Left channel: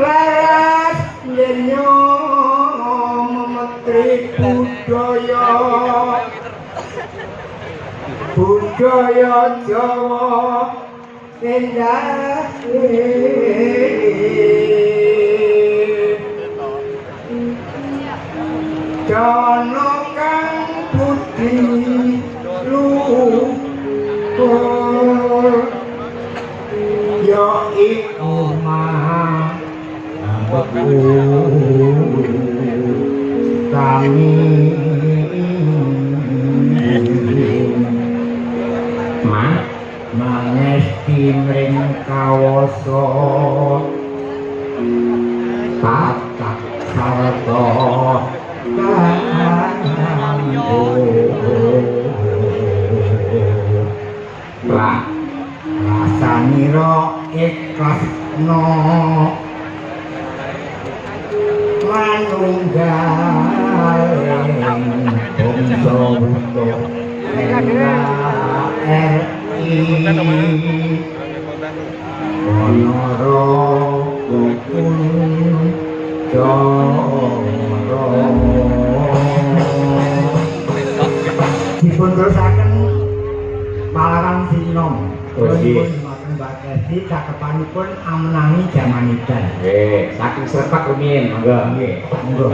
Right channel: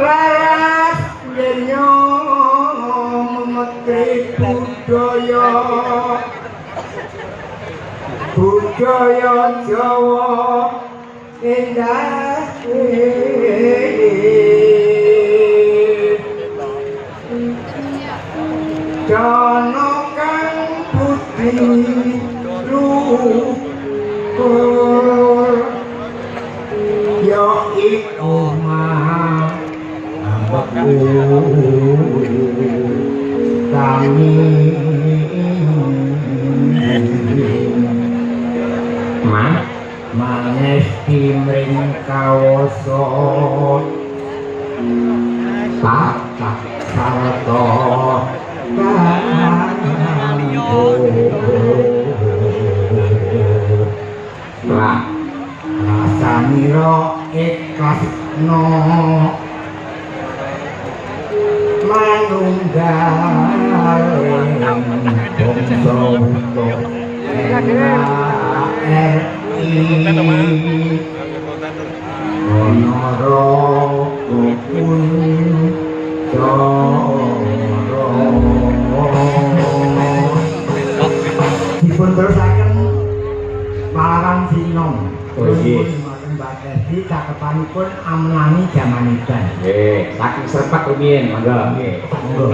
laras nyenyo memetri budaya Jawa endah Jono kang budi luhur ya iku mah kami mangesti mring kawasa patak sarta lah rasanira ikhlasno manunggal bangsa untuk Onoro kupun coro dipun terusaken marang sinom cakepanipun amlani jamanidan nggih saking Srepak rumiyin monggo nggih monggo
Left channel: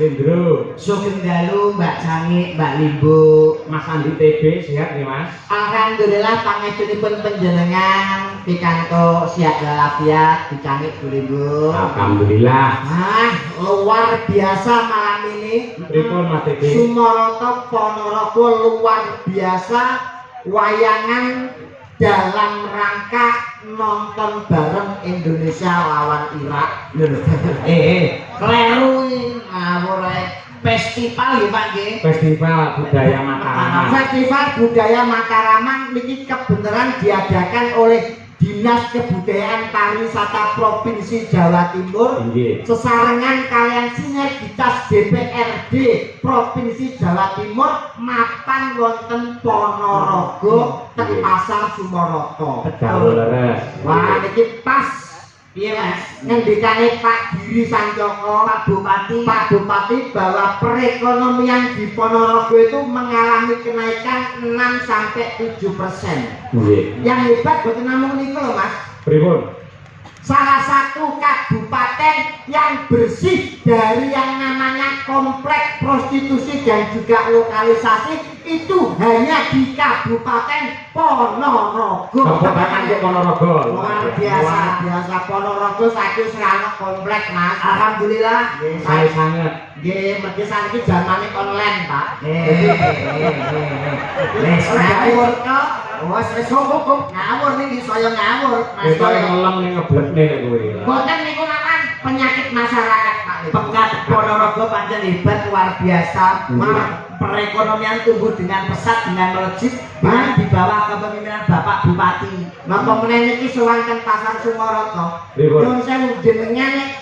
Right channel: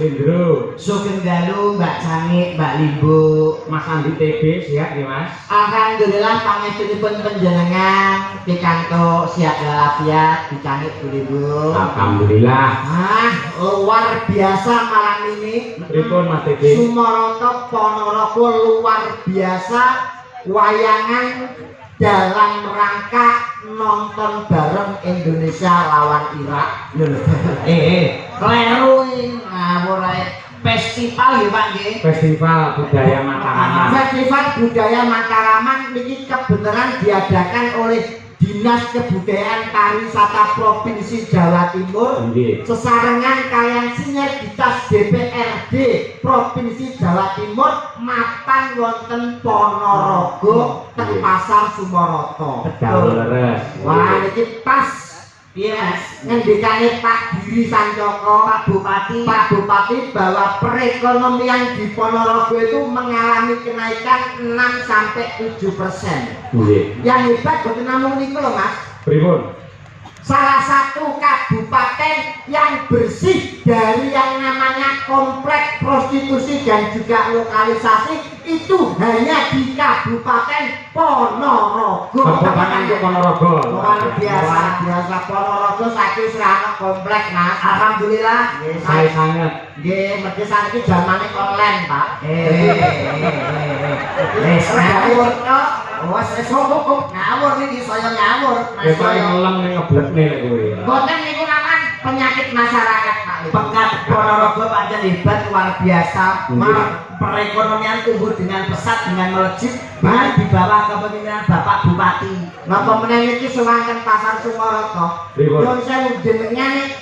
Lindro. Sugeng dalu Mbak Cangik, Mbak Limbo, Mas Andi TB sehat nih Mas. alhamdulillah pangestunipun panjenengan pikantuk sihat walafiat dicangik Bu Limbo. Alhamdulillah. Luar biasa malam ini. Pripun Mas TB? Sumaroto Ponorogo luar biasa, wayangan dalam rangka nonton bareng Indonesia lawan Irak. Kleru ngawur festival ya Pak nggih. Festival Budaya Mataraman. Festival Budaya Mataraman niki kebenaran diadakan oleh Dinas Kebudayaan Pariwisata Provinsi Jawa Timur Nggih. sesarengan kalian sinergitas DPRD Provinsi Jawa Timur mapan wonten Ponorogo teng Pasar Sumoroto. Betul leres. Wah niki pas piye Mas ngendikane Pak Diri Sanjoko Pak Bupati bahwa perekonomian di Ponorogo itu mengalami kenaikan 6 sampai 7%. Nggih. Yang hebat boten namung niku lho Mas. Pripun? Salah satu kabupaten yang bersih dari yang namanya kompleks prostitusi dan juga lokalisasi itu hanya di Kabupaten Ponorogo. Kabupaten Ponorogo. Luar biasa Ponorogo saking serana kompleks Mas. Alhamdulillah. Saya sangat. Nggih, mergi saniki zamane online, Pak. Ngawur kok. Wes cukup ngawur iki saya ngawur. Mas Kowe ngelem ning ngeblekne kowe. Boten niku namanya penyakit masyarakat, Pak. Pekat Ponorogo pancen hebat luar biasa. Perekonomian tumbuh dengan pesat dengan melejit dengan di bawah kepemimpinan Bapak Bupati. Napa meneh iki sewanten Pasar Sumoroto. Nyuwun sewu jenengan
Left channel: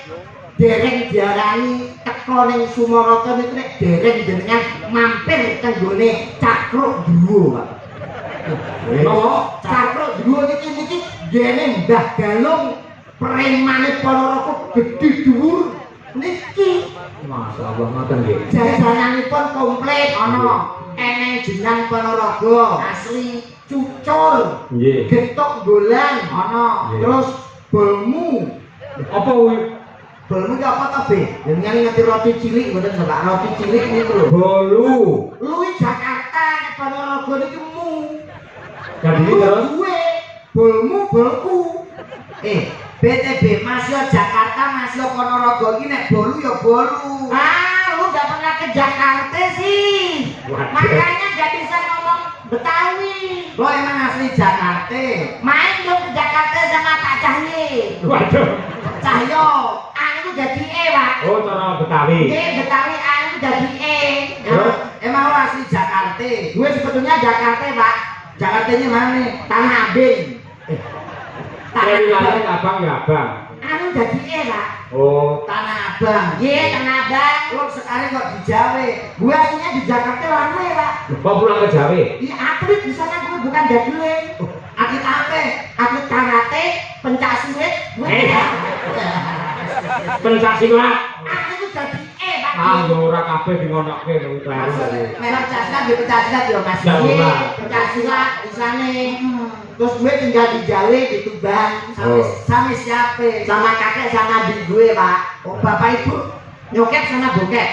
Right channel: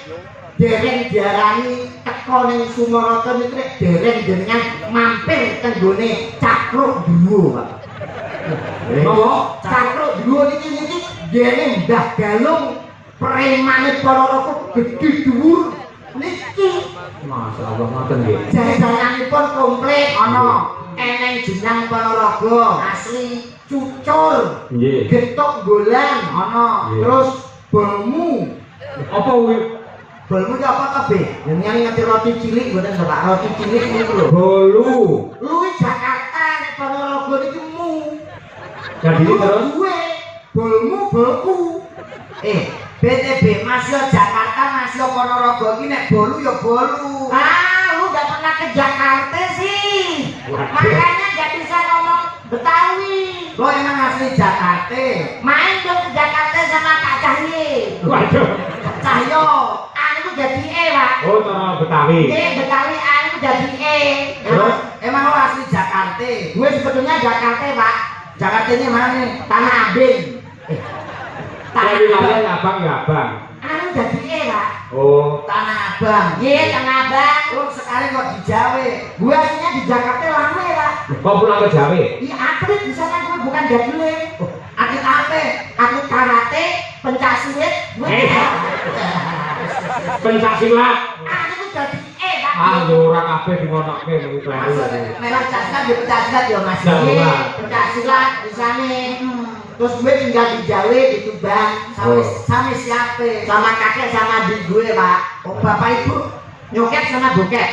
dereng diarani teko ning Sumoroto niku dereng jenengan mampir teng gone Cakruk Duwo, Pak. Cakruk Duwo niki gene Mbah Galung premane Ponorogo gedhe dhuwur niki. Masyaallah ngoten nggih. Jajananipun komplit ana eneng jenang Ponorogo asli cucul. Nggih. Getok golan ana. Terus bolmu. Apa kuwi? Bolmu iki apa kabeh? Jenengan ngerti roti cilik mboten Pak? Roti cilik niku lho. Bolu. Luwih Jakarta nek Ponorogo niku mu. Jadi terus duwe bolmu bolku. BTB masih Jakarta masih Ponorogo iki nek bolu ya bolu. Lu udah pernah ke Jakarta sih. Makanya gak bisa ngomong Betawi. Lo emang asli Jakarta. Main dong ke Jakarta sama Pak Cahyo. Waduh. Cahyo, aku jadi Pak. Oh, cara Betawi. Betawi aku jadi Terus? Emang lo asli Jakarta? Gue sebetulnya Jakarta Pak. Jakartanya mana nih? Tanah Abang. Saya bilangnya abang ya abang. Aku jadi Pak. Oh, Tanah Abang. Iya, Tanah Abang. Lo sekarang kok di Jawa. Gue aslinya di Jakarta lama ya, Pak. kok pulang ke Jawa? Iya, atlet di sana gue bukan jadule. Atlet apa? Atlet karate, pencaksilat. Pencaksilat. Aku jadi Pak. Ora kabeh dingonokke kuwi kleru. Memang pencaksilat ya pencaksilat ya, Mas. Nah, Iya, Pak. pencaksilat di sana. Terus gue tinggal di Jawa, di Tuban. Sama siapa? Sama kakek sama adik gue, Pak. Bapak ibu nyokap sama bokap.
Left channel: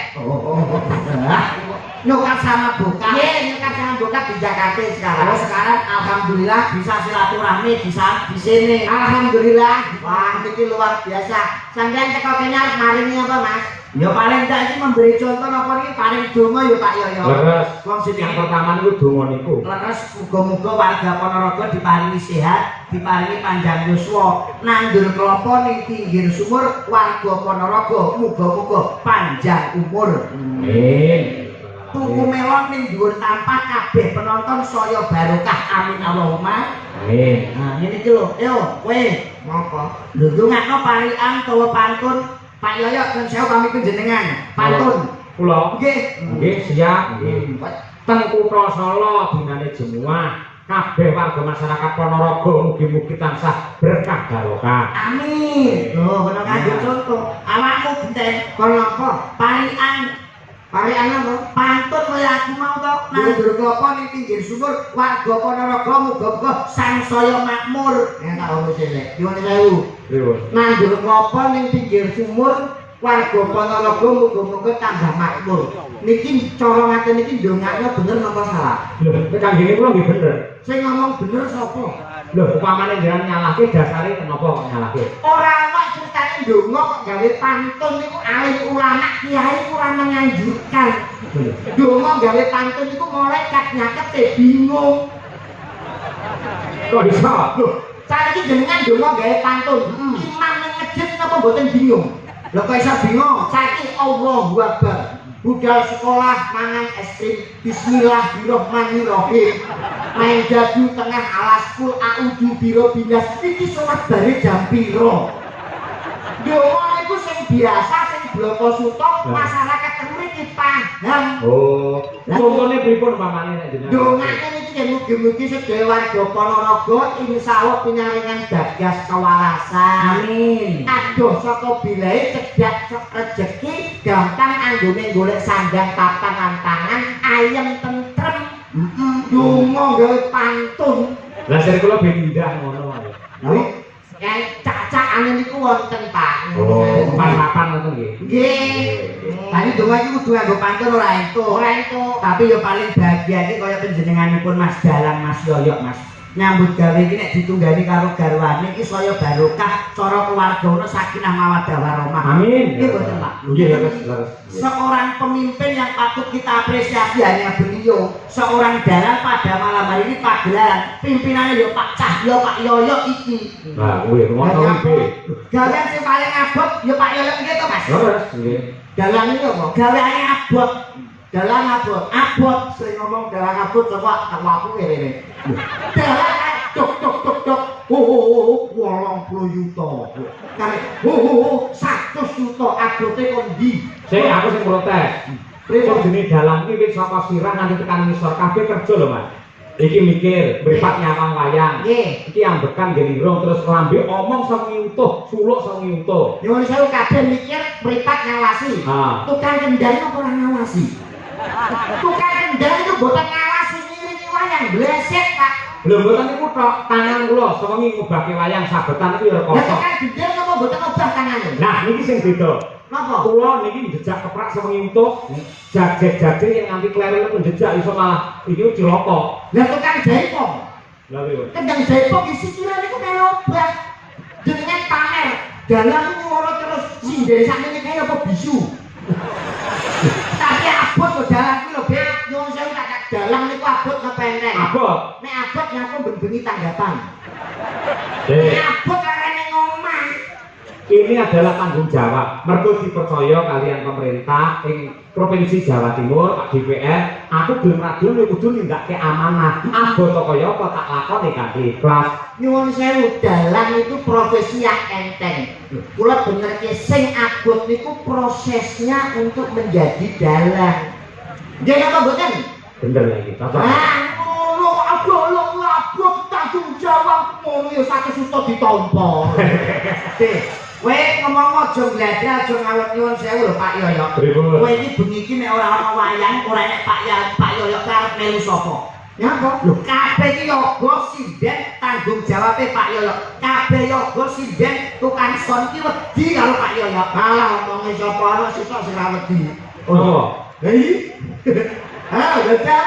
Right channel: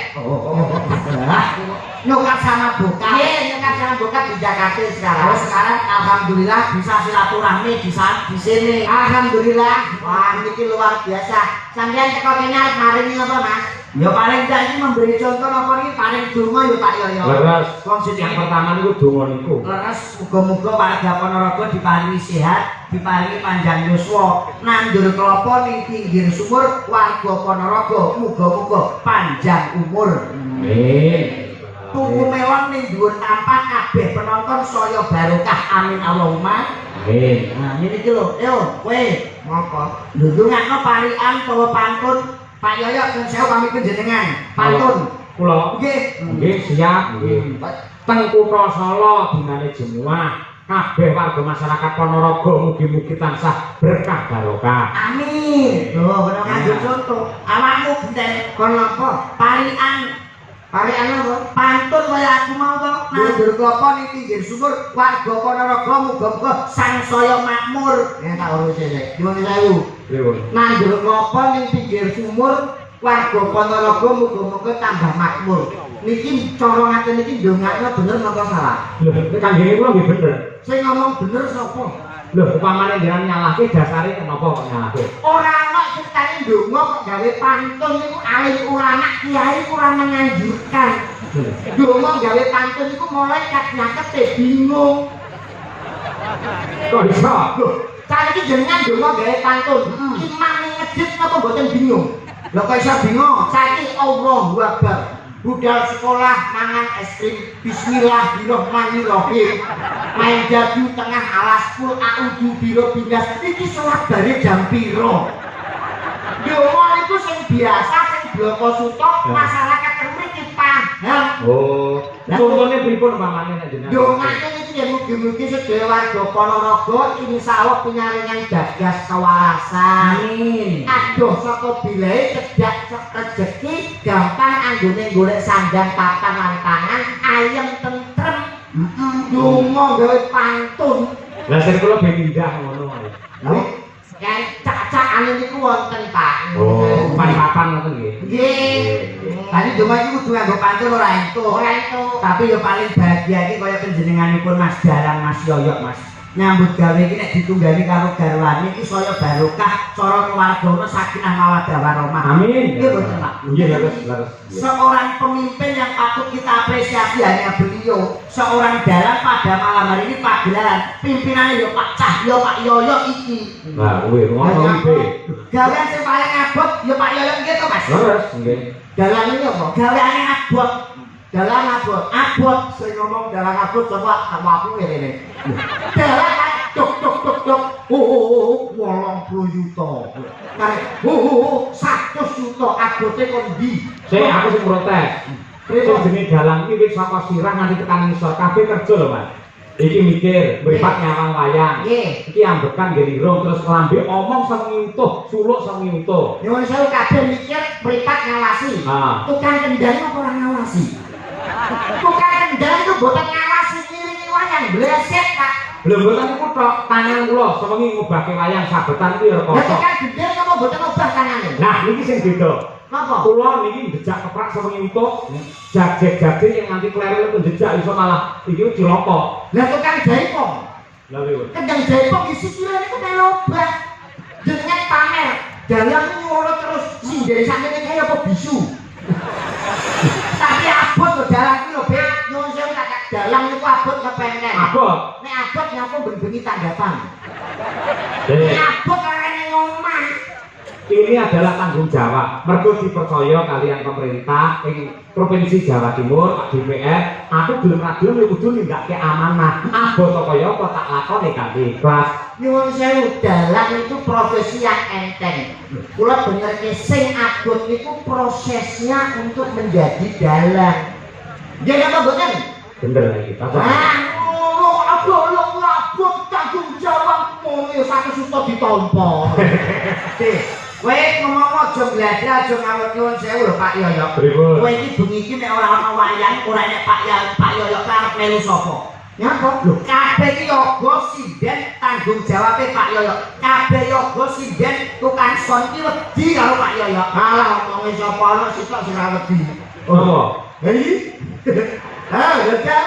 Nyokap sama bokap. Iya, nyokap sama bokap di Jakarta sekarang. Sekarang alhamdulillah bisa silaturahmi di sini. Alhamdulillah. Wah, ini luar biasa. Sampai teko kene arep maringi apa, Mas? Ya paling tak iki memberi contoh apa nih? Paling donga ya Pak ya. Leres. Yang pertama niku donga niku. Leres muga-muga warga Ponorogo diparingi sehat, diparingi panjang yuswa, nandur kelapa ning pinggir sumur warga Ponorogo muga-muga panjang umur. Amin. Tuku melon ning dhuwur tampah kabeh penonton saya barokah amin Allahumma. Amin. Nah, ngene iki lho. Yo, kowe ngopo? Ndungakno parikan utawa pantun Pak Yoyo dan saya pamit panjenengan. Pantun. Kula Nggih. nggih siap nggih. Teng Kutha Solo dinane Jemuah. Kabeh warga masyarakat Ponorogo mugi-mugi tansah berkah barokah. Amin. Loh, kena kanggo contoh. Awakmu genten kono apa? Parikan. Parikan apa? Pantun kaya aku mau to. Nandur klapa ning pinggir sumur warga Ponorogo muga-muga sansaya makmur. Ya tak urus sik. Nyuwun sewu. Pripun? Nandur klapa ning pinggir sumur warga Ponorogo muga-muga tambah makmur. Niki cara ngaten iki ndongakno bener napa salah? Lho, nek kanggene kula nggih bener. Sing ngomong bener sapa? Lho, upamane jenengan nyalahke dasare napa kok nyalahke? Ora ana ceritane ndonga kok gawe pantun niku alim ulama kiai kurang menganjurkan. Ndonga gawe pantun niku mulai nyakete bingung. Kok bisa? Saiki jenengan ndonga gawe pantun, imam ning masjid napa mboten bingung? Lho kok iso bingung? Saiki Allahu Akbar. Budal sekolah mangan es krim bismillahirrahmanirrahim main jadu tengah alas pul a'udzu birobbinas iki salat bare jam piro ndonga iku sing biasa sing bloko sutok masyarakat mriki paham Oh, contohnya pripun pamane nek jenengan? ndongane iki yen mugi-mugi sedaya warga Ponorogo insyaallah pinyaringan gagas kewarasan amin adoh saka bilae cedak rezeki gampang anggone golek sandang papan lan pangan ayem tentrem donga gawe pantun Lah sing kula ben indah ngono wae. lho kae cacakane niku wonten Pak Oh, papan ngoten nggih. nggih tadi donga iki kudu nganggo pantun ora entuk tapi ya paling bahagia iki kaya panjenenganipun Mas Dalang Mas Yoyok Mas nyambut gawe iki nek ditunggani karo garwane iki saya barokah cara keluargane sakinah mawaddah warahmah. Amin. Nggih boten Pak. Nggih, leres. Seorang pemimpin yang patut kita apresiasi hanya beliau. Seorang dalang pada malam hari ini pagelaran pimpinannya ya Pak Cahyo, Pak Yoyo iki. Nah, kuwi ngono iki. Gawean sing paling abot ya Pak Yoyo nggih to Mas. Leres nggih. Dalang iki apa? Gaweane abot. Dalang abot sing ngomong dalang abot coba aku ngene. Dalang dok. Oh, 80 juta. Kare 100 juta abote kon ndi? Sing aku sing protes. Sing jenenge dalang iki wis saka sirang nganti tekan ngisor kabeh kerja lho, Mas. Iki mikir, mripat nyawang wayang. Nggih. Iki ambekan nggih irung terus lambe omong sengi utuh, suluk sengi utuh. Nyuwun sewu kabeh mikir mripat ngawasi. Ha. Tukang kendali apa ora ngawasi? Tukang kendali itu boten ngawasi ngiringi wayang blesek Pak. Lho mboten niku tok tangan kula sewengi ngubahke wayang sabetan iki ya Lah kosong. tukang gendel apa boten obah tangane? Nah, niki sing beda. Napa? Kula niki njejak keprak sewengi utuh, jag-jag yang nganti kleru itu njejak iso malah iki cilaka. Lah tukang jaipong. Lha lho. Kendang jaipong isi kira niku melu obah. Jenengan pamer. Dalang nyuwara terus sindhe sakmene kaya apa bisu. Tapi abot kok dalang iki lho, Bek. Nyuwun sewu tak dalang niku abot kepenek. Abot. Nek abot nyapa ben-bengi tanggapan. Dek. Abot arene ngomong. Ini adalah tanggung jawab. Mergo dipercaya kalian pemerintah ing Provinsi Jawa Timur, DPR, aku gelem ra gelem ya kudu nindakke amanah. Abot kaya apa tak lakoni kanthi ikhlas. Nyuwun sewu, dalang itu profesi yang enteng. Kula benerke sing abot niku prosesnya untuk menjadi dalang. Nggih apa mboten? Bener lagi. Cocok. Ngono abot tanggung jawab ngono ya sak suto ditampa. Kowe ngomong aja glada aja ngawur nyuwun sewu lho Pak Yoyo. Pripun? Kowe iki bengi iki nek ora ana wayang, ora nek Pak Yoyo karep melu sapa? Nyapa? Lho kabeh iki yoga sinden tanggung jawabe Pak Yoyo. Kabeh yoga sinden tukang son iki wedi karo Pak Yoyo. Alah omonge sapa ana sisuk sing ora wedi. Oh. Hei. Betul.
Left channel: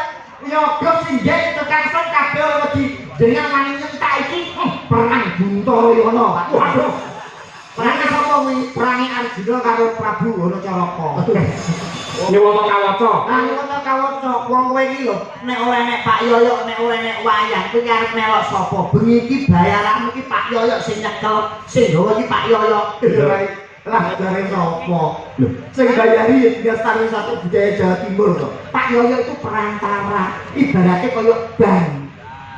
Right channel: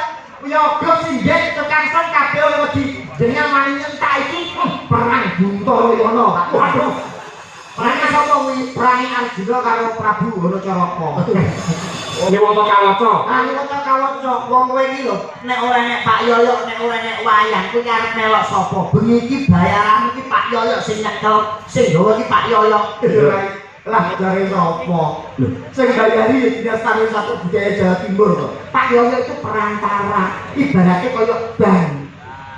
Yoga sinden tukang son kabeh ora wedi. Dengan mani nyentak iki perang Guntara Yana. Waduh. Perang sapa kuwi? Perang Arjuna karo Prabu Hanacaraka. Niwata kawaca. Ah niwata kawaca. Wong kowe iki lho, nek ora nek Pak Yoyo, nek ora nek wayang kuwi arep melok sapa? Bengi iki bayaranmu iki Pak Yoyo sing nyekel, sing gawa iki Pak Yoyo. Lah dari sapa? Sing bayari ya tidak sampe satu budaya Jawa Timur kok. Pak Yoyo itu perantara, ibaratnya kaya bank.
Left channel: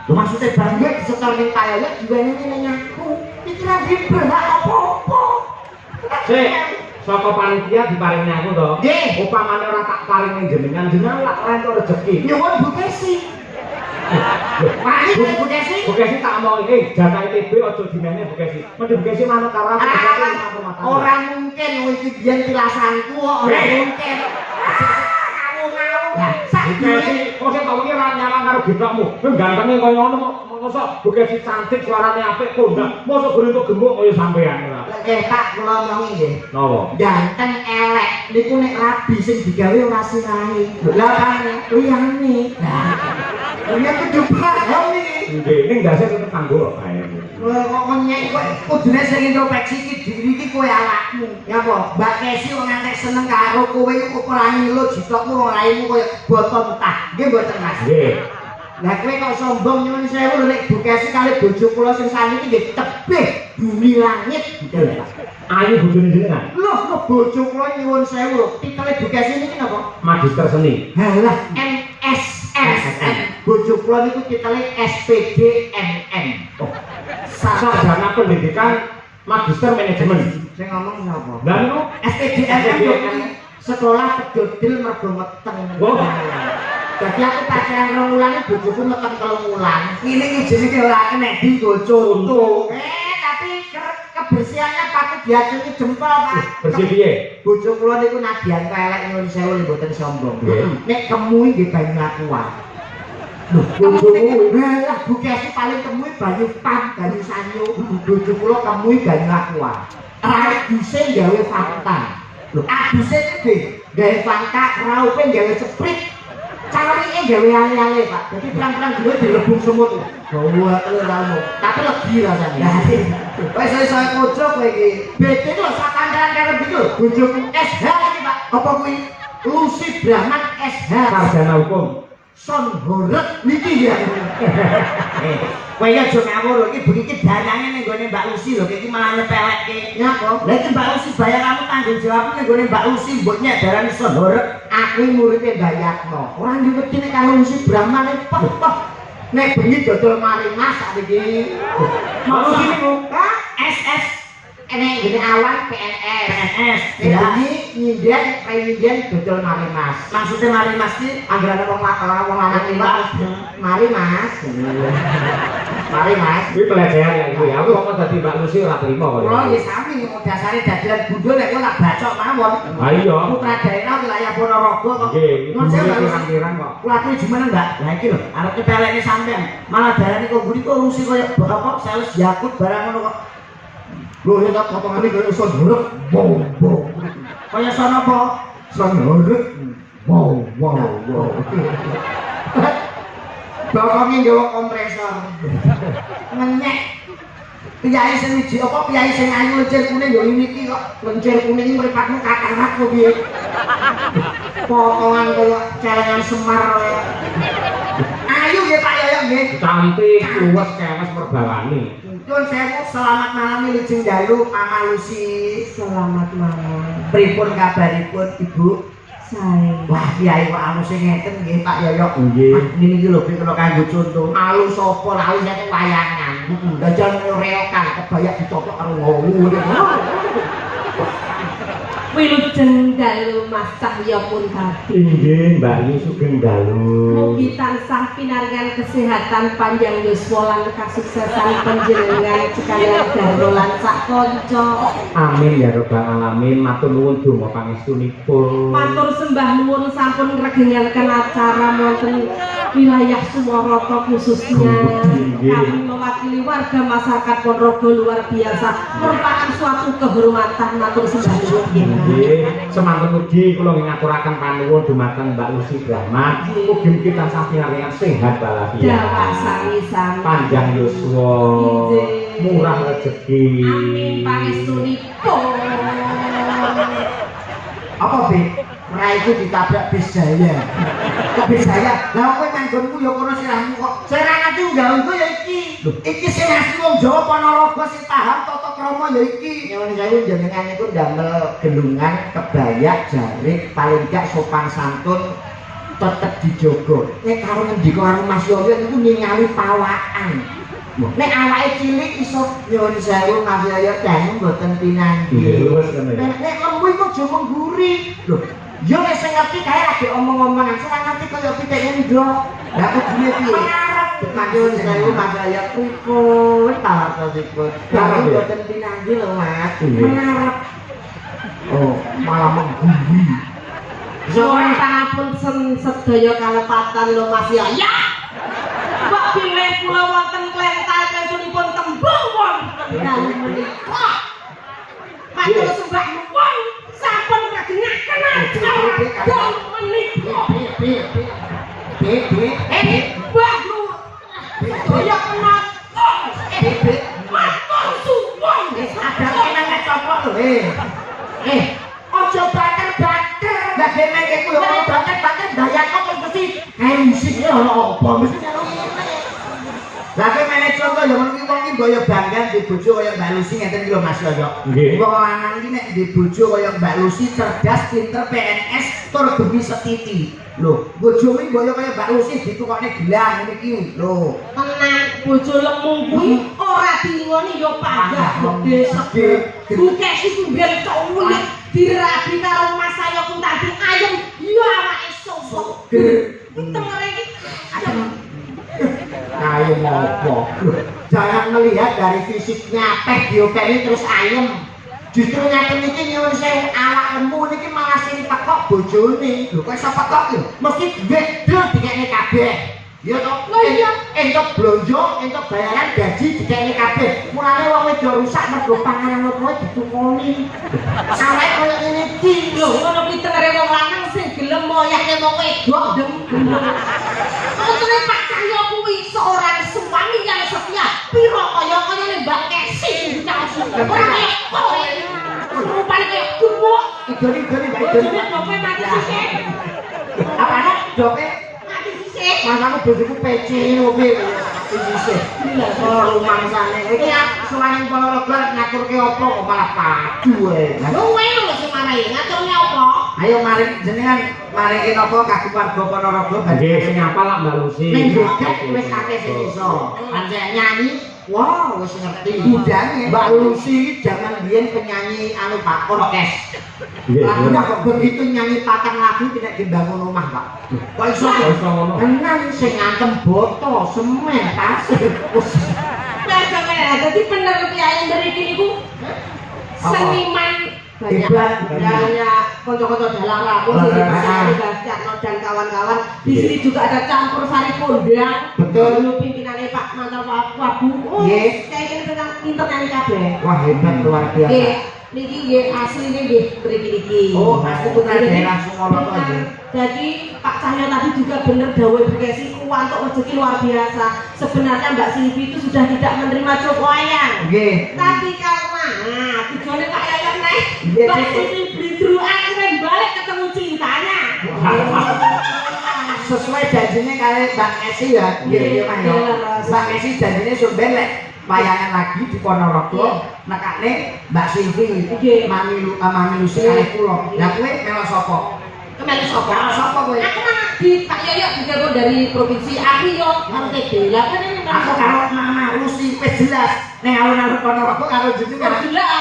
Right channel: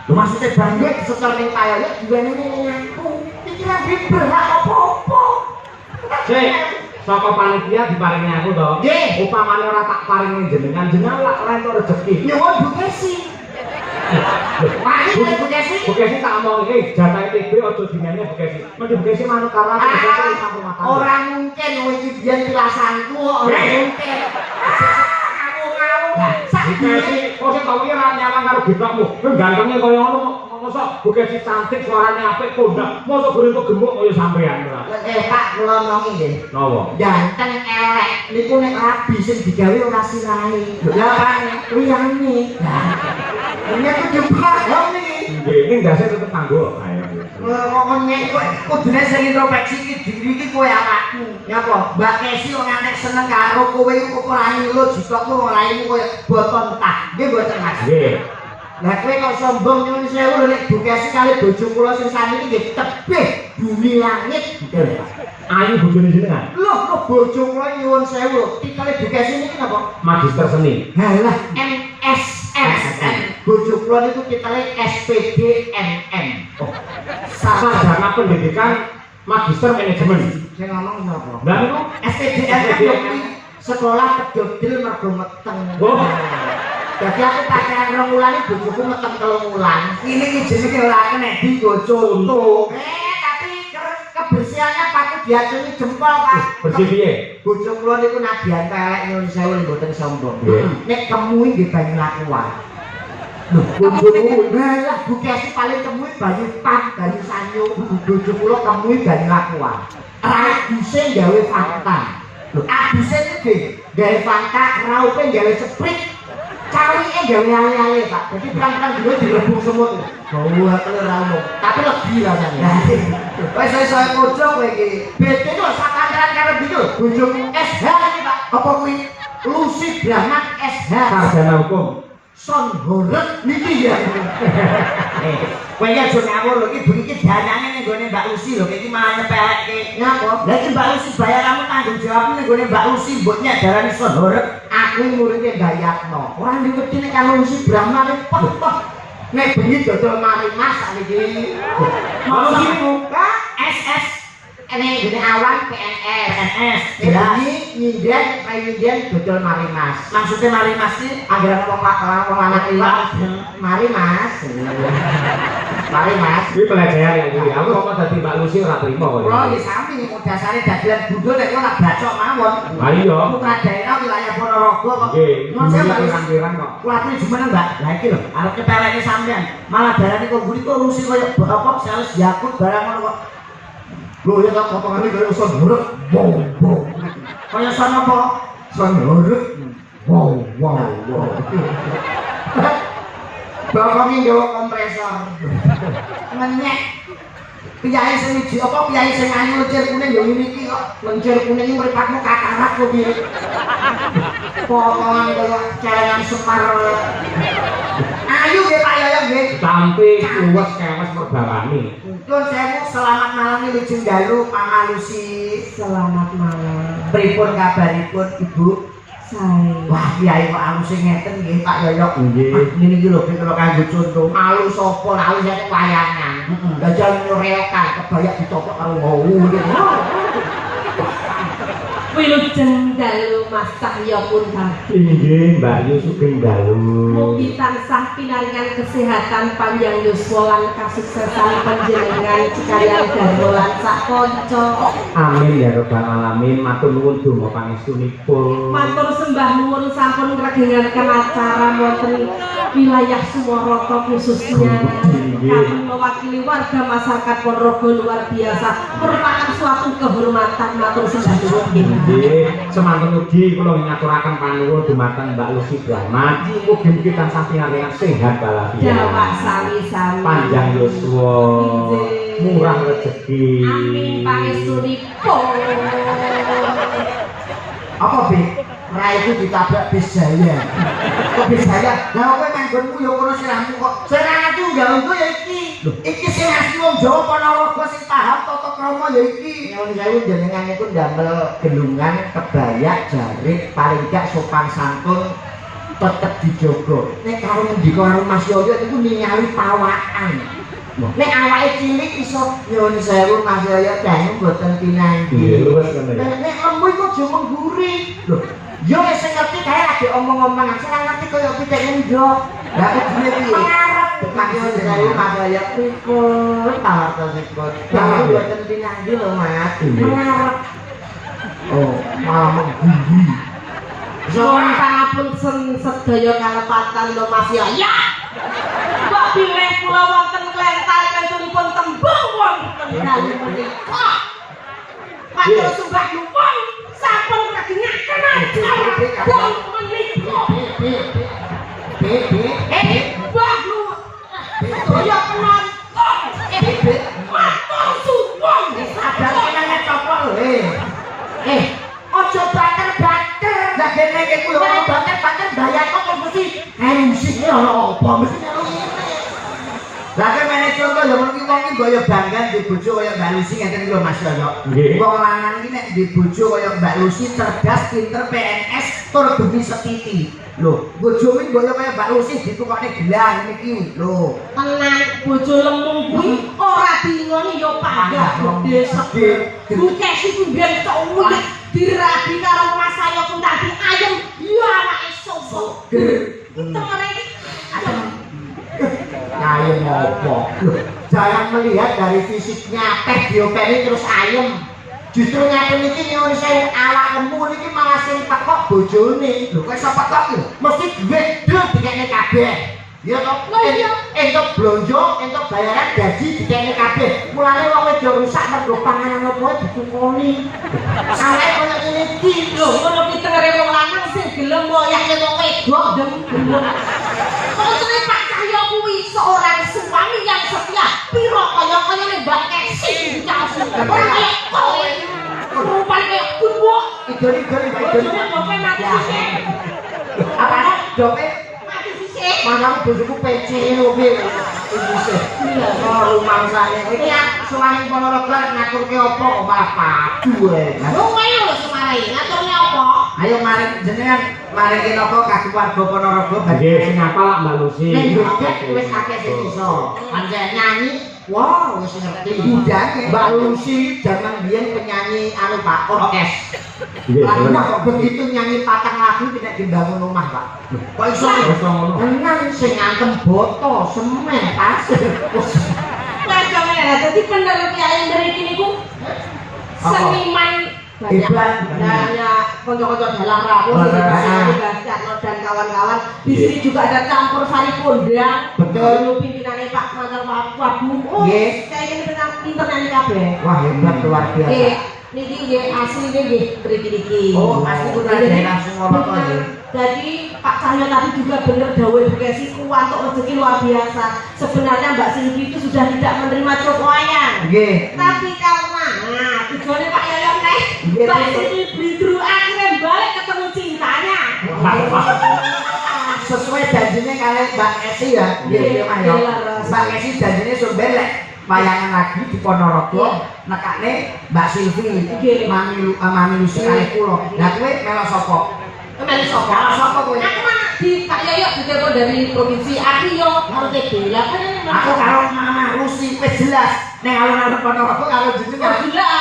Lho maksudnya bank iki setel ning Pak Yoyo diweni ning aku. Iki ra berhak apa-apa. Sik, saka panitia diparingi aku to. Nggih. Upamane ora tak paringi jenengan lak rentuk rezeki. Nyuwun Bu Kesi. Wani Bu Kesi. Bu Kesi tak omong jatah TB aja dimene Bu Kesi. Mending Bu Kesi manut karo aku Ora mungkin iki biyen pilasanku kok ora mungkin. Ngawur-ngawur. Bu Kesi, kok sing tau iki ora nyawang karo gebakmu. Kowe gantenge kaya ngono mosok Bu Kesi cantik suarane apik kondak. Mosok gurung gemuk kaya sampean ora. Pak kula ngomongi nggih. Napa? Ganteng elek niku nek rabi sing digawe ora sirahe. Lah kan liyane. Ini kudu paham iki. Nggih, ning ndase tetep kanggo bae. Kok menyek kok kudune sing introspeksi iki diri iki kowe awakmu. Nyapa? Mbak Kesi wong antek seneng karo kowe ora ngilu jutokmu wong raimu koyo boton tah. Nggih mboten Mas. Nggih. Lah kowe kok sombong nyuwun sewu lho nek Bu Kesi kali bojo kula sing sami iki nggih tebih bumi langit. Ayu bojone jenengan. Loh kok bojo kula nyuwun sewu titele Bu Kesi niki napa? Magister seni. Halah MSSN. Bojo kula niku titele SPDMM. Sarjana pendidikan magister manajemen. Sing ngomong sapa? Lah niku SPDMM sekolah kedodil mergo meteng. Oh. Jadi aku pacaran 2 wulan bojoku meteng 3 wulan. Ini jenenge ora enek digo contoh. Tapi kebersihannya patut diacungi jempol, Pak. Bersih piye? Bojo kula niku nadyan kelek nyuwun sewu mboten sombong. Nggih. Nek kemui nggih banyu lakuan. Lho, bojoku lah Bu Kesi paling kemui banyu pan, banyu sanyo. Bojo kula kemui banyu lakuan. Raduse gawe Fanta. Lho, aduse iki gawe Fanta, raupe gawe Sprite. Cawike gawe ale-ale, Pak. Jadi perang-perang duwe direbung semut. Bawa kelirano. Tapi legi rasane. Wes saya kocok kowe iki. Bete lho sakandan karo iki lho. Bojoku SH iki, Pak. Apa kuwi Lucy Brahman SH. Sarjana hukum. Son horeg niki ya. Kowe ya aja ngawur iki bengi iki danane ning gone Mbak Lucy lho, iki malah nyepelekke. Ngapa? Lah iki Mbak Lucy bayaranmu tanggung jawabmu ning gone Mbak Lucy mbok nyadarani son horeg. Aku muridé Dayatno. Ora diwedi nek karo Lucy Brahman peh. Nek bengi dodol mari Mas sakniki. Lucy niku SS ini awan PNS. Bengi nyinden kayak dodol mari Mas. Maksudnya mari Mas iki anggere wong lanang liwat. Mari Mas. Mari Mas. iki pelecehan ya iki. Aku kok dadi Mbak Lucy ora trimo kok. Kula nggih sami dasare dadelan bundul nek kok tak bacok mawon. Ha iya. Putra daerah wilayah Ponorogo kok. Nggih, Nyuwun sewu sampeyan kok. kuwi jumeneng Mbak. Lah iki lho, arep kepeleke sampean. Malah darane kok buri kok Lucy koyo apa sales Yakut barang ngono kok. Lho ya potongane kaya son horeg. Wow. Kaya son apa? Son horeg. Wow. Bapaknya nggawa kompresor. Menyek. Piyae sing wiji apa piyae sing ayu lencir kuning ya ngene iki kok. Lencir kuning iki mripatmu kakarak kok piye. Potongan kaya celengan Semar. Ayu nggih Pak Yoyo nggih. Cantik, luwes, kewes merbawane. Nyuwun sewu selamat malam Lujeng Dalu Mama Lucy. Selamat malam. Pripun kabaripun Ibu? Sae. Wah, kiai kok anu sing ngeten nggih Pak Yoyo. Nggih. Niki iki lho kira kanggo contoh. Alu sapa alu nek wayangan. Dajal nyorekan kebayak dicopok karo ngowo. Wilujeng dalu Mas Cahya pun tadi. Nggih, Mbak Yu sugeng dalu. Mugi tansah pinaringan kesehatan panjang yuswa lan kasuksesan panjenengan sekalian garwa lan sak kanca. Amin ya rabbal alamin. Matur nuwun donga pangestunipun. Matur sembah nuwun sampun ngregengaken acara wonten wilayah Sumarata khususnya. Kami mewakili warga masyarakat Ponorogo luar biasa. Merupakan suatu kehormatan matur sembah nuwun. Nggih, semanten ugi kula ngaturaken panuwun dumateng Mbak Lucy Brahman. Mugi-mugi tansah pinaringan sehat walafiat. Dawa sami-sami. Panjang yuswa, murah rezeki. Amin pangestunipun. Apa Bik? Raiku ditabrak bis jaya. Kok bis jaya? Lah kowe manggonmu ya kono sirahmu kok. Sing ngerti nggaungku ya iki. Iki sing asli wong Jawa Ponorogo sing paham tata krama ya iki. Nyuwun sewu jenengan niku ndamel gelungan, kebaya, jarik, paling gak sopan santun tetep dijogo. Nek karo ngendika karo Mas Yoyo niku ningali pawakan. Nek awake cilik iso nyuwun sewu Mas Yoyo dene mboten pinanggih. Nggih, luwes kene ya. Nek lembu iku aja mengguri. Lho, yo nek sing ngerti kae ade omong-omongan, sing ngerti kaya pikir ndok. Lah iki piye? Nyuwun sewu Mas Yoyo pripun tawarsipun. Lah mboten pinanggih lho Mas. Mengarep. Oh, malah mengguri. Nuwun pangapunten sedaya kalepatan lho Mas ya. Kok bilih kula wonten klental kencunipun tembung wonten dalem menika. karo sembah wong sampun kegengaken wong menika. Mbah lu. Kaya nonton. Matur suwun. Sadar kene copo lho. Aja bater-bater. Lah kene iki yo ora bater-bater bayarno kok mesti musik ono apa mesti. Lah kene contoh yo niki wong iki boyo bangga di bojo kaya Mbak Lucy ngeten iki lho Mas Yoyo. Wong lanang iki nek di bojo kaya Mbak Lucy cerdas, pinter, PNS, tur bengi setiti. Lho, bojo iki boyo kaya Mbak Lucy ditukokne gelang niki lho. Tenang bojo lemung kuwi ora dingoni yo panggah gede segede. Buke sing ben tok ulik dirabi karo Mas Ayo pun tadi ayem yo anake soso. Tengere iki Ayem apa? Jangan melihat dari fisiknya tek diopeni terus ayem. Justru ngaten iki nyuwun sewu awak lemu niki malah sing tekok bojone. Lho kok iso tekok lho? Mesti duit dul dikene kabeh. Ya toh? Entuk blonjo, entuk bayaran gaji dikene kabeh. Mulane wong wedok rusak mergo panganan apa ditukoni. Salah koyo ngene iki lho ngono kuwi tengere wong lanang sing gelem moyake wong wedok dem. Kok tenan Pak Cahyo kuwi seorang suami yang setia. Piro kaya-kayane Mbak Kesi dikasih. Ora kaya kowe. Rupane kaya kuwo. idoni Mbak Idoni. Jope mati sisik. Apane jope? Mati sisik. Manaku bojoku peci ngono kuwi. Iki sih. Ora rumangsane. Iki suwane Ponorogo ngaturke apa kok malah padu ae. Lho kowe lho sing marahi ngaturne apa? Ayo mari jenengan maringi napa kagem warga Ponorogo Nggih, sing apa lak Mbak Lucy? ning gedhe wis akeh sing iso. Pancen nyanyi, wah wis ngerti. Budane Mbak Lucy zaman biyen penyanyi anu Pak orkes. Nggih. Wah kok begitu nyanyi patang lagu tidak dibangun rumah Pak. Kok iso ngono. Tenang sing ngantem boto, semen, pasir. Padahal dadi bener kiai mriki niku seniman Hebat. ya kanca-kanca dalang ramu dan kawan-kawan. Di sini juga ada campur sari kondang. Betul. Pimpinannya Pak Mantan Wabu. Oh, Nggih. saya ini tentang pinter nyanyi kabeh. Wah hebat luar biasa. Nggih, niki nggih asline nggih mriki niki. Oh, asli putra daerah Sumoroto nggih. Jadi Pak Cahyo tadi juga benar dawuh Bekasi untuk rezeki luar biasa. Sebenarnya Mbak Silvi itu sudah tidak menerima Joko Ayang. Nggih. Tapi karena tujuannya Pak Yoyong nih, Nggih, Mbak betul. Silvi beli dulu akhirnya balik ketemu cintanya. Sesuai janjinya kali Mbak Esi ya. Nggih, nggih Mas ya. Mbak Esi janjinya sampeyan lek wayangan lagi di Ponorogo nekane Mbak Silvi. Nggih. Mami Lucy kali kula. Lah kowe melo sapa? Kemana sopo? Melo sapa kowe? Aku mah di Pak Yoyo ditelepon dari provinsi aku yo RTB. Lah kan ini Aku karo Mama Lucy wis jelas. Ning alun-alun Ponorogo karo jenengan. jelas.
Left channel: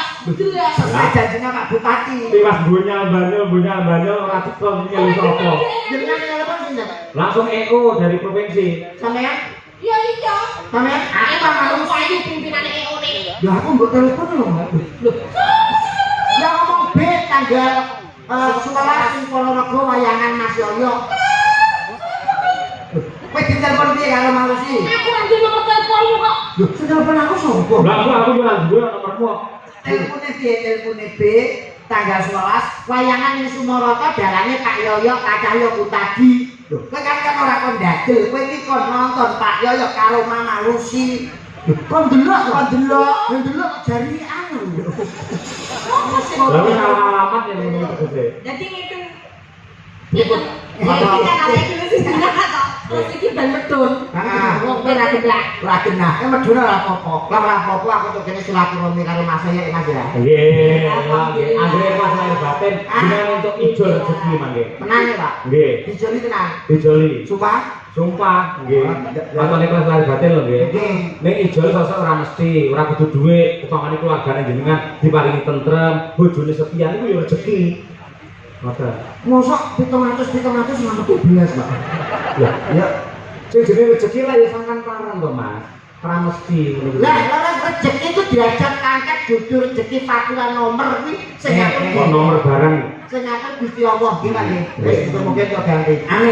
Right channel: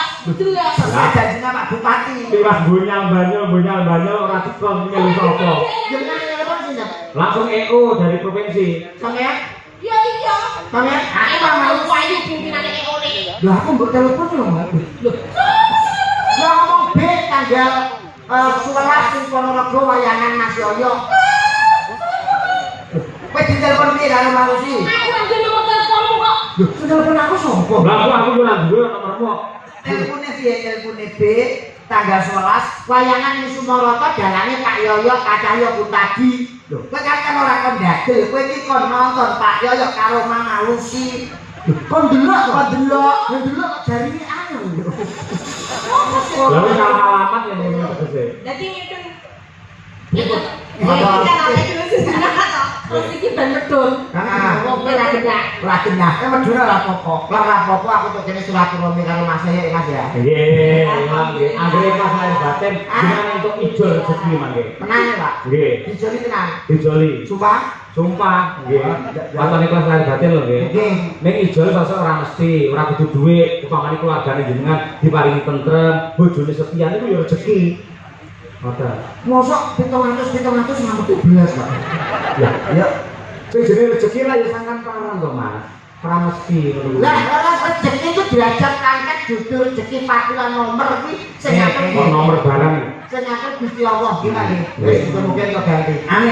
Sesuai janjinya Pak Bupati. Tiwas bunyal banyak ora tekon nyelu sapa. Jenengan telepon sinten? Langsung EO dari provinsi. Sampeyan? Iya iya. Sampeyan? Aku Aku Mama mau Lucy. payu pimpinannya EO ini. Lah aku mbok telepon lho, Mbak. Ya ngomong B tanggal 11 ing Ponorogo wayangan Mas Yoyo. Kowe ditelepon piye karo Mbak Lucy? Aku kan dia nomor teleponmu kok. Lho, sing telepon aku sapa? Lah aku ora duwe nomormu. Telepone piye? Telepone B tanggal 11 wayangan ing Sumoroto dalange Kak Yoyo, Kak Cahyo Kutadi. Lho, kowe kan ora kon ndadel, kowe iki kon nonton Pak Yoyo karo Mama Lucy. Kon delok jarine anu lho. Lah wis alamat ya ngene tegese. Jadi ngeten. Nyebut. Ya iki kan ada dulu sebenarnya toh. Terus iki ben medun. Wong ora gendak. Ora genah, medhun ora apa-apa. Lah ora apa-apa aku tok kene silaturahmi karo Mas ya Mas ya. Nggih, nggih. Anggere pas lahir batin dengan untuk ijol rezeki mangke. Tenang ya, Pak. Nggih, Dijoli tenang. dijoli. Sumpah. Sumpah, nggih. Watone kelas lahir batin lho nggih. Nggih. Ning ijol sosok ora mesti, ora kudu dhuwit, upamane keluargane jenengan diparingi tentrem, bojone sepian iku ya rezeki. Mata. Mosok 700 ngamuk 12, Pak. Ya. Sing jenenge rezeki lah ya sangkan pangaran to, Mas. Ora mesti ngono kuwi. Lah, rezeki itu diajak angkat judul rezeki fakturan nomor iki sing ngatur Nomor barang. sing ngatur Gusti Allah iki Pak nggih. Nggih. Wis mungkin kok ganti. Amin.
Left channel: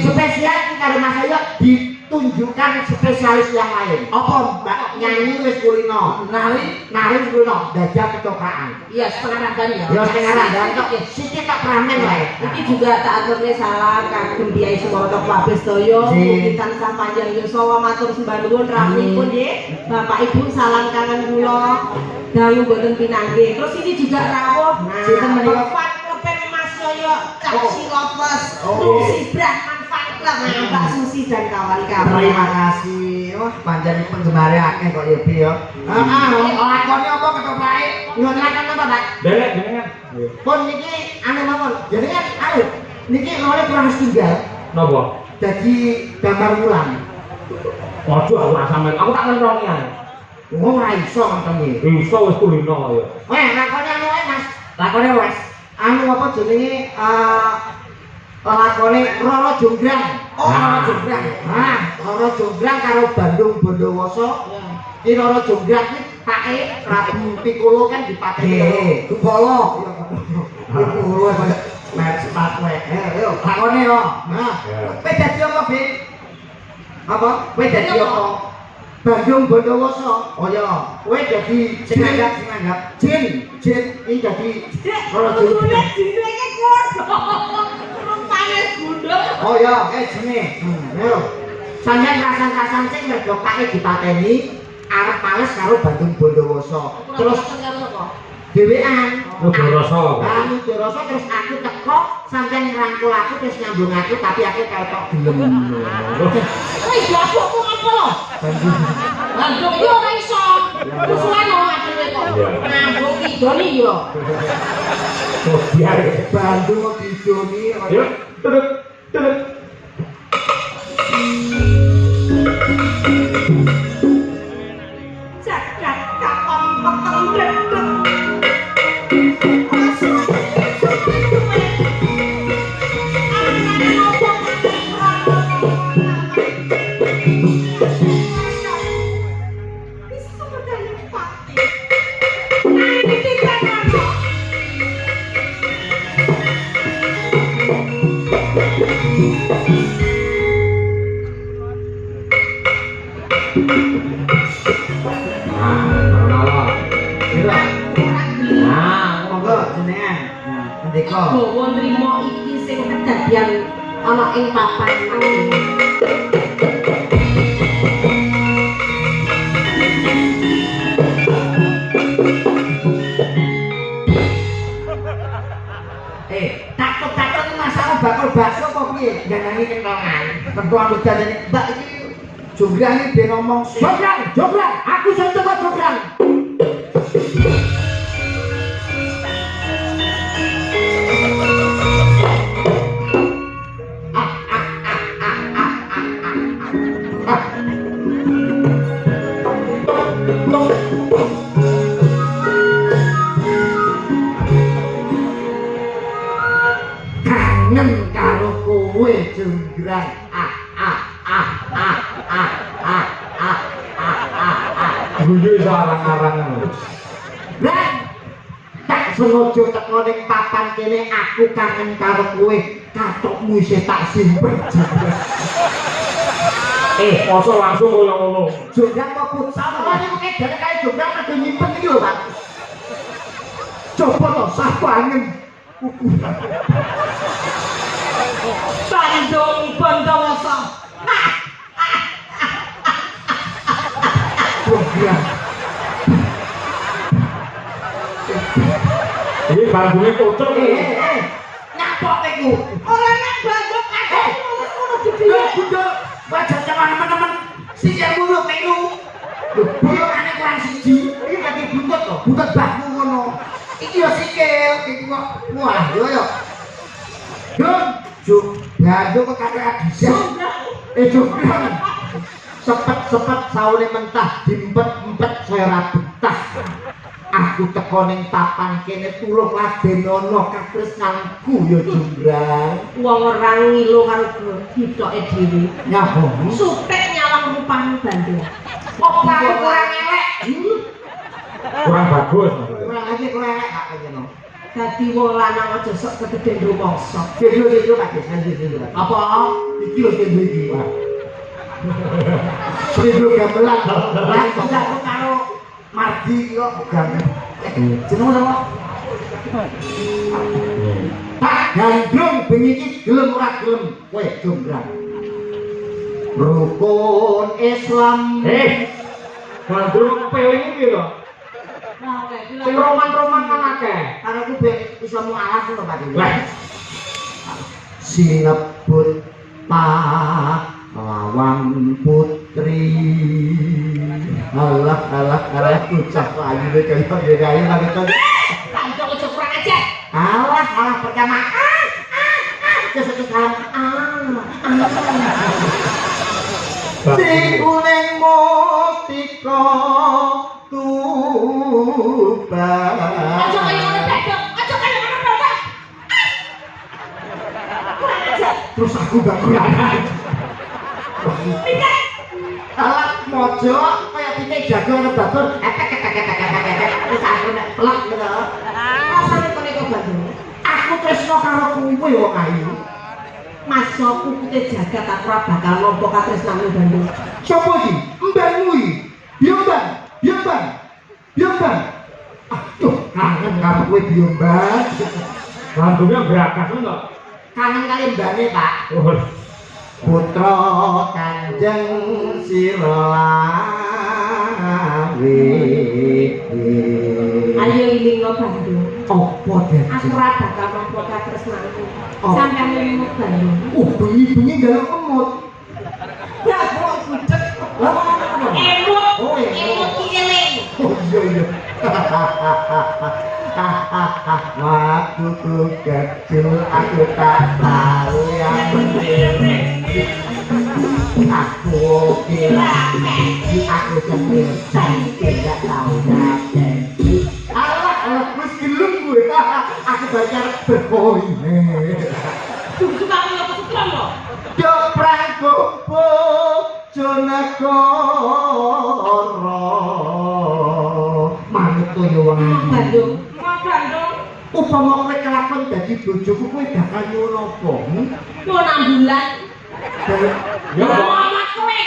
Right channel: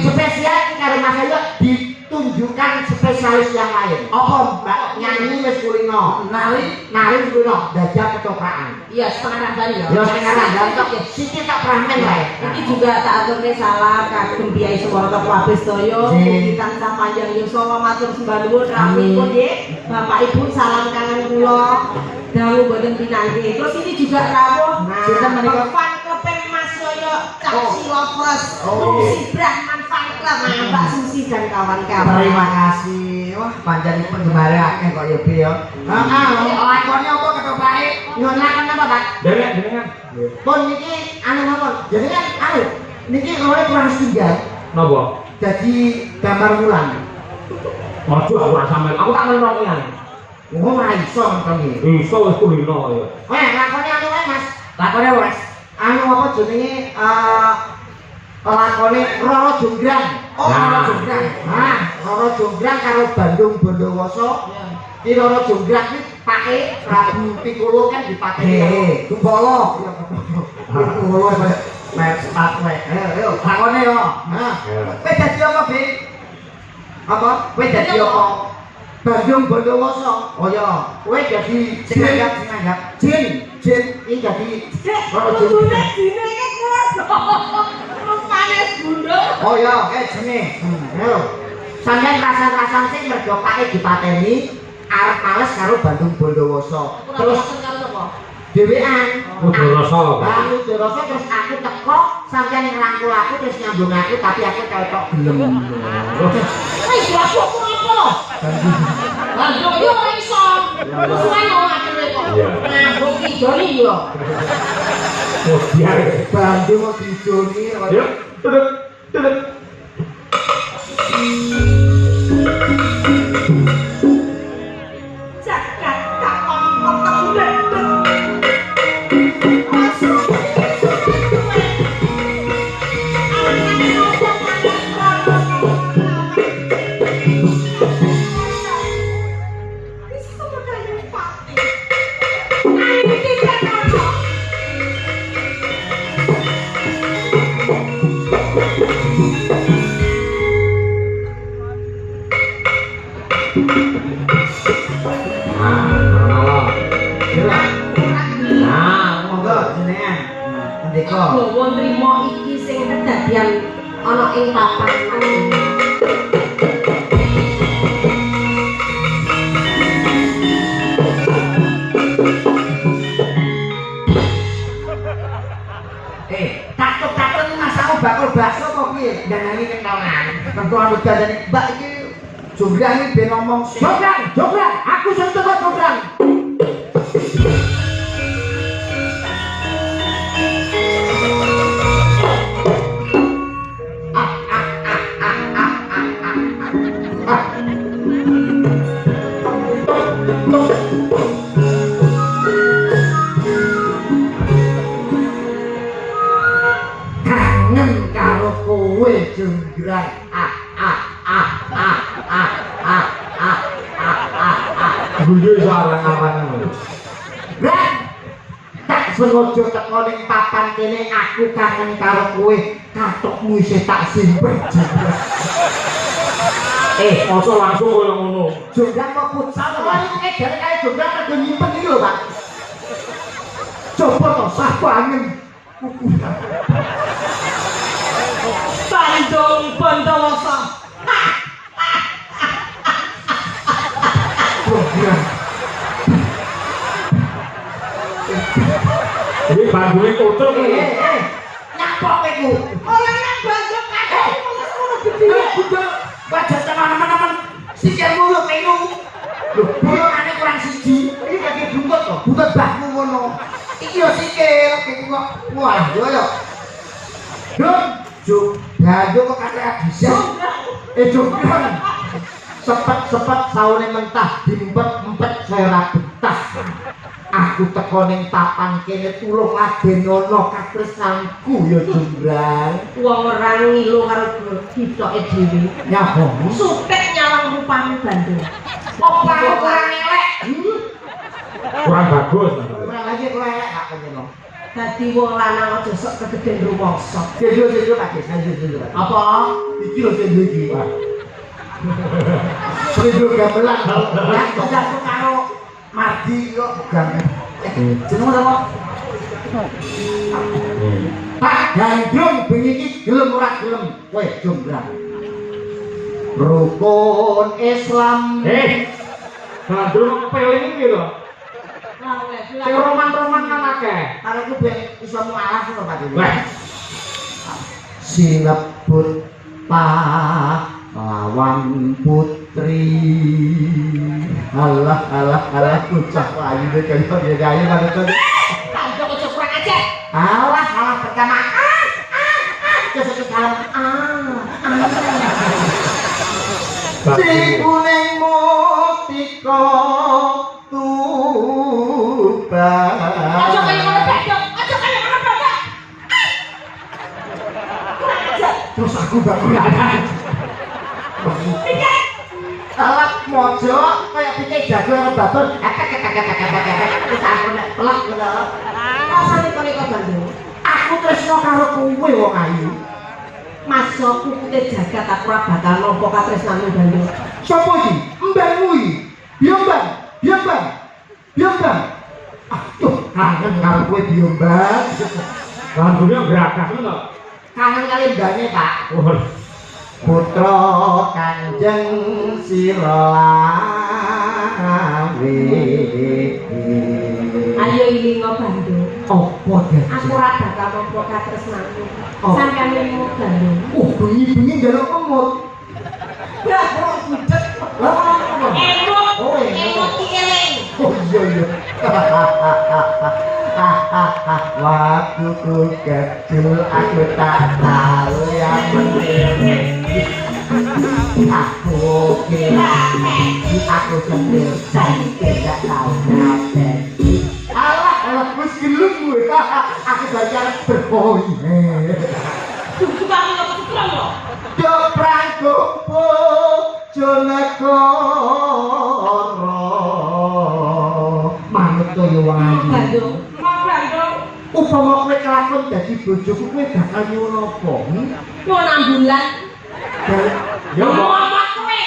Spesial iki karo Mas Ayo ditunjukkan spesialis yang lain. Apa Mbak nyanyi wis kulino, nari wis kulino, dajal ketokakan. Iya, setengah ragani ya. Ya setengah ragani kok sithik tak pramen wae. Iki juga tak aturne salah kagem Kyai Sumarto Kabeh sedaya mugi tansah panjang yuswa matur sembah nuwun rawuhipun nggih. Bapak Ibu salam kangen kula. Dawuh boten pinanggih. Terus ini juga rawuh Sinten menika? Fan Kopeng Mas Yoyo Caci Lovers. Oh. Si Brahman Fan Club Mbak Susi dan kawan-kawan. Terima kasih. Wah, pancen penggemare akeh kok ya, Bi ya. Heeh, lakone apa ketopake? Nyuwun lakon apa, Pak? Delek jenengan. Pun niki anu napa? Jenengan niki lore kurang tinggal. Napa? Jadi gambar wulan. Waduh aku ora sampean. Aku tak ngerti ya. Oh, ora iso nonton iki. Iso wis kulino ya. Lakone anu wae, Mas. Lakone wes. Anu apa jenenge lakone Roro Jonggrang. Oh, Roro Jonggrang. Nah, Roro Jonggrang karo Bandung Bondowoso. Iki Roro Jonggrang iki pake Prabu Piccolo kan dipake. Kumbolo. Kumbolo kaya mer sepatu wae. Ayo, lakone yo. Nah, kowe dadi apa, Bi? Apa? Kowe dadi apa? Bandung Bondowoso. Oh ya, kowe dadi sing anggap Jin iki dadi Roro Jonggrang. Oh ya, jene. Yo. Sampeyan rasa-rasan sing mergo pake dipateni arep males karo Bandung Bondowoso. Terus dhewean. Udah rasa. Aku rasa terus aku teko sampeyan ngrangkul aku terus nyambung aku tapi aku ketok gelem. Wis aku apa? Bandung yo ora iso. Musuhe ora adewe kok. Nah, wong idoni yo. Oh, biar. Bandung kok didoni. Yuk, duduk. Jagat kakon peteng Gowo nrimo iki sing kedadian ana ing papan iki. Takut-takut masalah bakul bakso kok piye? Ndangangi kentongan. Pertuan wedane Mbak iki Jonggrang iki ben ngomong Jonggrang, aku sing teko Jonggrang. Kangen karo kowe Jonggrang. Guyu sarang-arangan. Lah, tak sengaja teko ning papan kene aku kangen karo kowe. Katokmu isih tak simpen. Masa langsung koyo ngono. Jonggrang kok futsal kok niku kedare kaya Jonggrang rada nyimpen iki lho, Pak. Coba to sabangen. Bandung Bondowoso. Jonggrang. Ini bangune kocok iki. Nyapok iku. Ora nang Bandung kabeh ngono gede. Wajah teman-teman sikil muluk niku. Lho, bolokane kurang siji. Iki bagi buntut to, buntut bahmu ngono. Iki yo sikil, iki kok wah yo yo. Bandung kok kate bisa. Jonggrang. Sepet-sepet saune mentah diempet-empet saya ora betah. Aku teko ning papan kene tulung ladenono katresnanku ya Jonggrang. Wong ora ngilu karo ditoke dhewe. Ya kok Supek nyawang rupane Bandung. apa aku kurang elek? Kurang bagus. Kurang aja kurang elek tak ngono. Dadi wong lanang aja sok kegeden rumangsa. Dhewe Pak, Apa? Iki lho sing iki, Pak. Seribu gamelan. Lah kok karo Mardi kok gamelan. Jeneng apa? Pak Gandrung bengi iki gelem ora gelem kowe jombrang. Rukun Islam. Gandrung peling iki lho. Sing roman-roman kan akeh. Karo ku ben iso mualaf lho Pak. Sinebut pahlawan putri. Alah bocah lagi kaya kaya kaya. Pantuk aja kurang ajar. Alah pertama. Kesuk salam. Sing kuning mustika tubang. Aja kaya ngono bedok, aja kaya ngono bedok. Kurang ajar. Terus aku gak kurang. Alat mojo kaya pike jago karo babon. Terus aku nek telak ngono. Rasane kaya kok Bandung. Aku tresno karo kowe wong ayu. Masuk kukute jagat aku ora bakal nampa katresnane Bandung. Sopo iki? Mbakmu iki. Biombang. Aduh, kangen karo kowe Biombang. Gandrungnya gerakas lho. Kangen kali mbane, Pak. Oh. Putra Kanjeng Sirolawe. Ayo ilingo Bandung. Apa dadi? Aku ora bakal nampa katresnane. Oh. Sampeyan ilingo Bandung. Bengi-bengi njaluk kemut. Ya, kok budek. Emot ki eling. Oh iya. Waktu ku kecil aku tak tahu yang aku kira aku sendiri tidak tahu nanti. Alah, wis gelem gue. Aku belajar berpoin. Suka ngene apa suka lho. Yo prangko Jonegoro. Manut to yo wong ayu. Bandung. Upama kowe kelakon dadi bojoku kowe bakal nyuwun apa? Yo 6 bulan. Yo Ngomong kowe.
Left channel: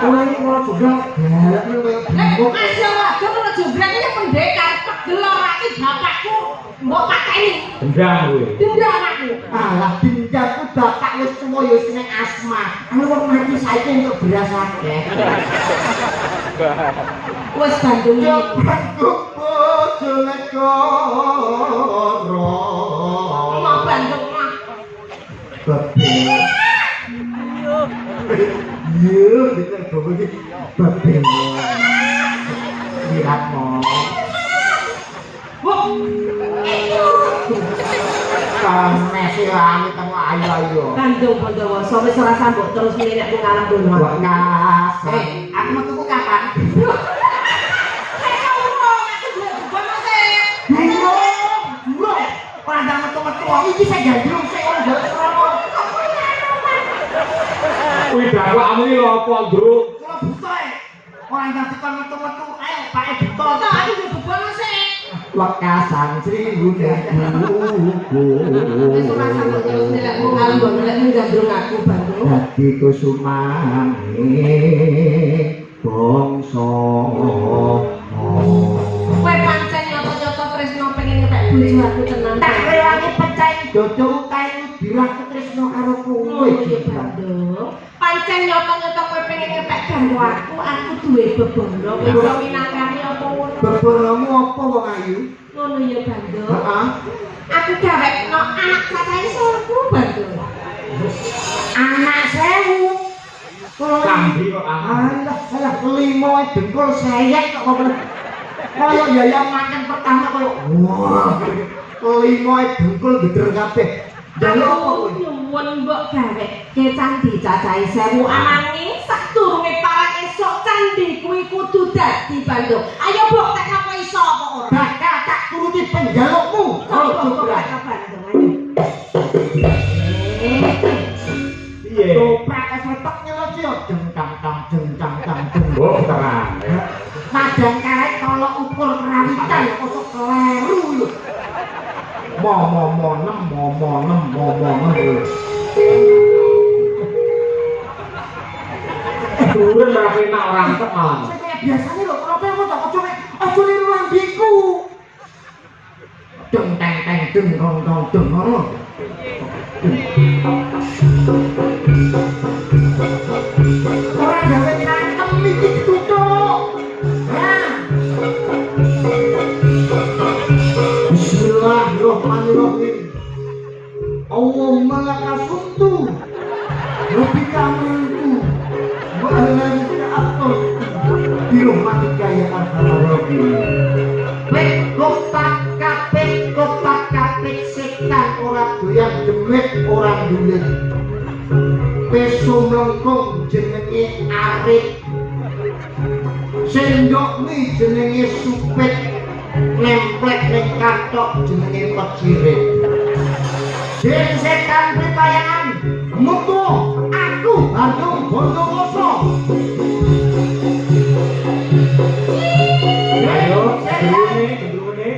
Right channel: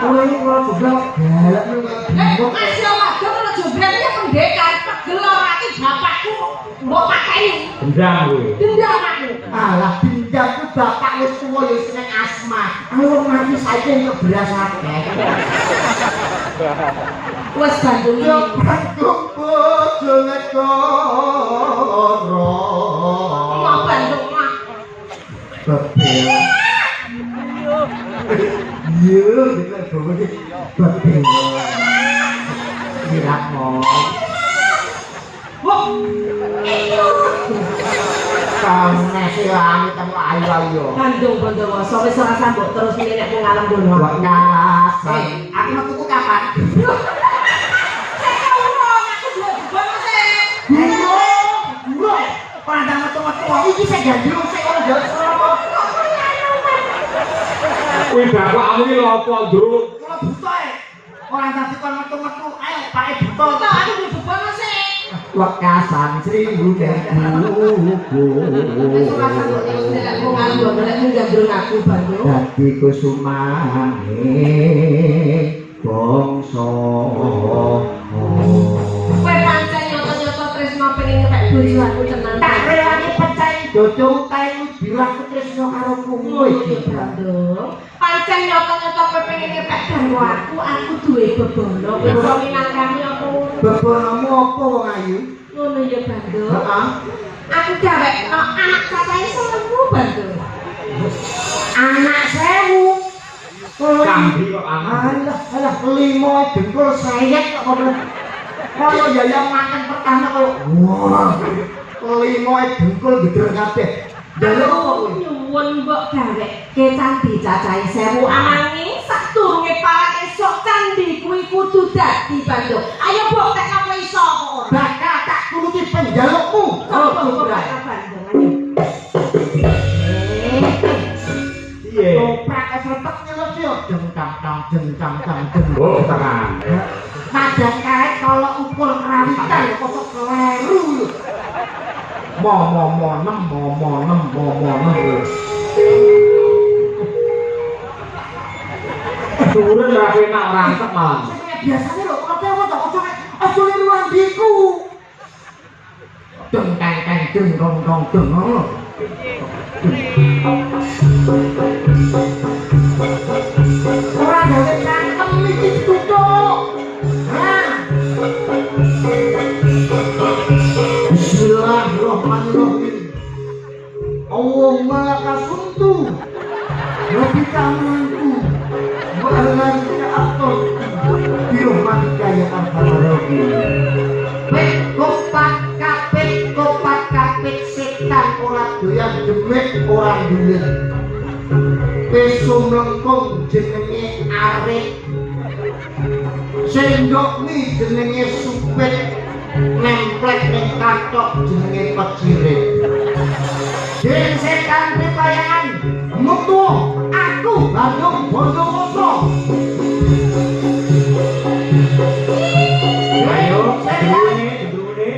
Kowe iki ora jeblok galak Nek kasih waduh karo jobrak iki pendekar pegel ora iki bapakku mbok pakeni. gendang kuwi. Dendam aku. Alah bindangku bapak wis tuwa ya seneng asma. Ayo wong mati saiki entuk beras akeh. Wes Bandung Yo iki. prangko Jonegoro. Mau Bandung mah. Bebel. Iya, kita bawa di bebel. Mirakmo. Wah. Kamu nasi langit kamu ayo. Bandung sore ora sambut terus milih nek ngalam dono. Buat nasi. Aku mau tuku kapan? Burung. Pandang metu-metu. Iki saya gandrung, saya orang jalan serama. Kuwi bapakmu iki lho apa, Ndruk? Kula buta ya. Orang tadi kon metu-metu. Ayo, Pak buta. Nah, aku di beban masih. Wekasan seribu buku. Wis ora sambut terus nek ngalam dono nek gandrung aku Bandung. Dadi kusumane bangsa. Kowe pancen nyoto-nyoto tresno pengen ngepek bojo aku tenan. Tak rewangi pecah dodong tayu bilah tresno karo kowe iki Bandung. Pancen nyoto-nyoto kowe pengen ngepek garwa aku duwe bebono. Kowe minangkani apa ngono. Bebonomu apa wong ayu? Ngono ya Bandung. Heeh. Aku gawekno anak cacahe 1000 Bandung. Anak 1000. Kambi kok anak. Alah limo dengkul sayek kok ngono. Kaya yayang makan pertama kok. Wah. Limo dengkul geder kabeh. Delok apa kowe? Nyuwun mbok gawekke candi cacahe 1000 ananging sadurunge parang esuk candi kuwi kudu dadi Bandung. Ayo mbok tek apa iso apa ora? Bakal tak turuti penjalukmu. Oh, Bandung ayo. Piye? Toprak esretek nyelot yo jengkang tang. Oh, tenan. Madang karet kalau ukur kerawitan kok kleru lho. Mo. sulit wandiku. Deng teng teng deng dong dong deng. Ora gawe pakem iki tutuk. Bismillahirrahmanirrahim. Allahumma lakasuntu lebih tanganku bahalan keatur birahmatika ya arhamar kopak kapit setan ora doyan demit ora dulit wis sumengkung jenenge arep sendok mi jenenge supit nemplek ning kathok jenenge pecirit. Jeng setan pripayangan metu aku Bandung Bondowoso. Ayo, gendruwene.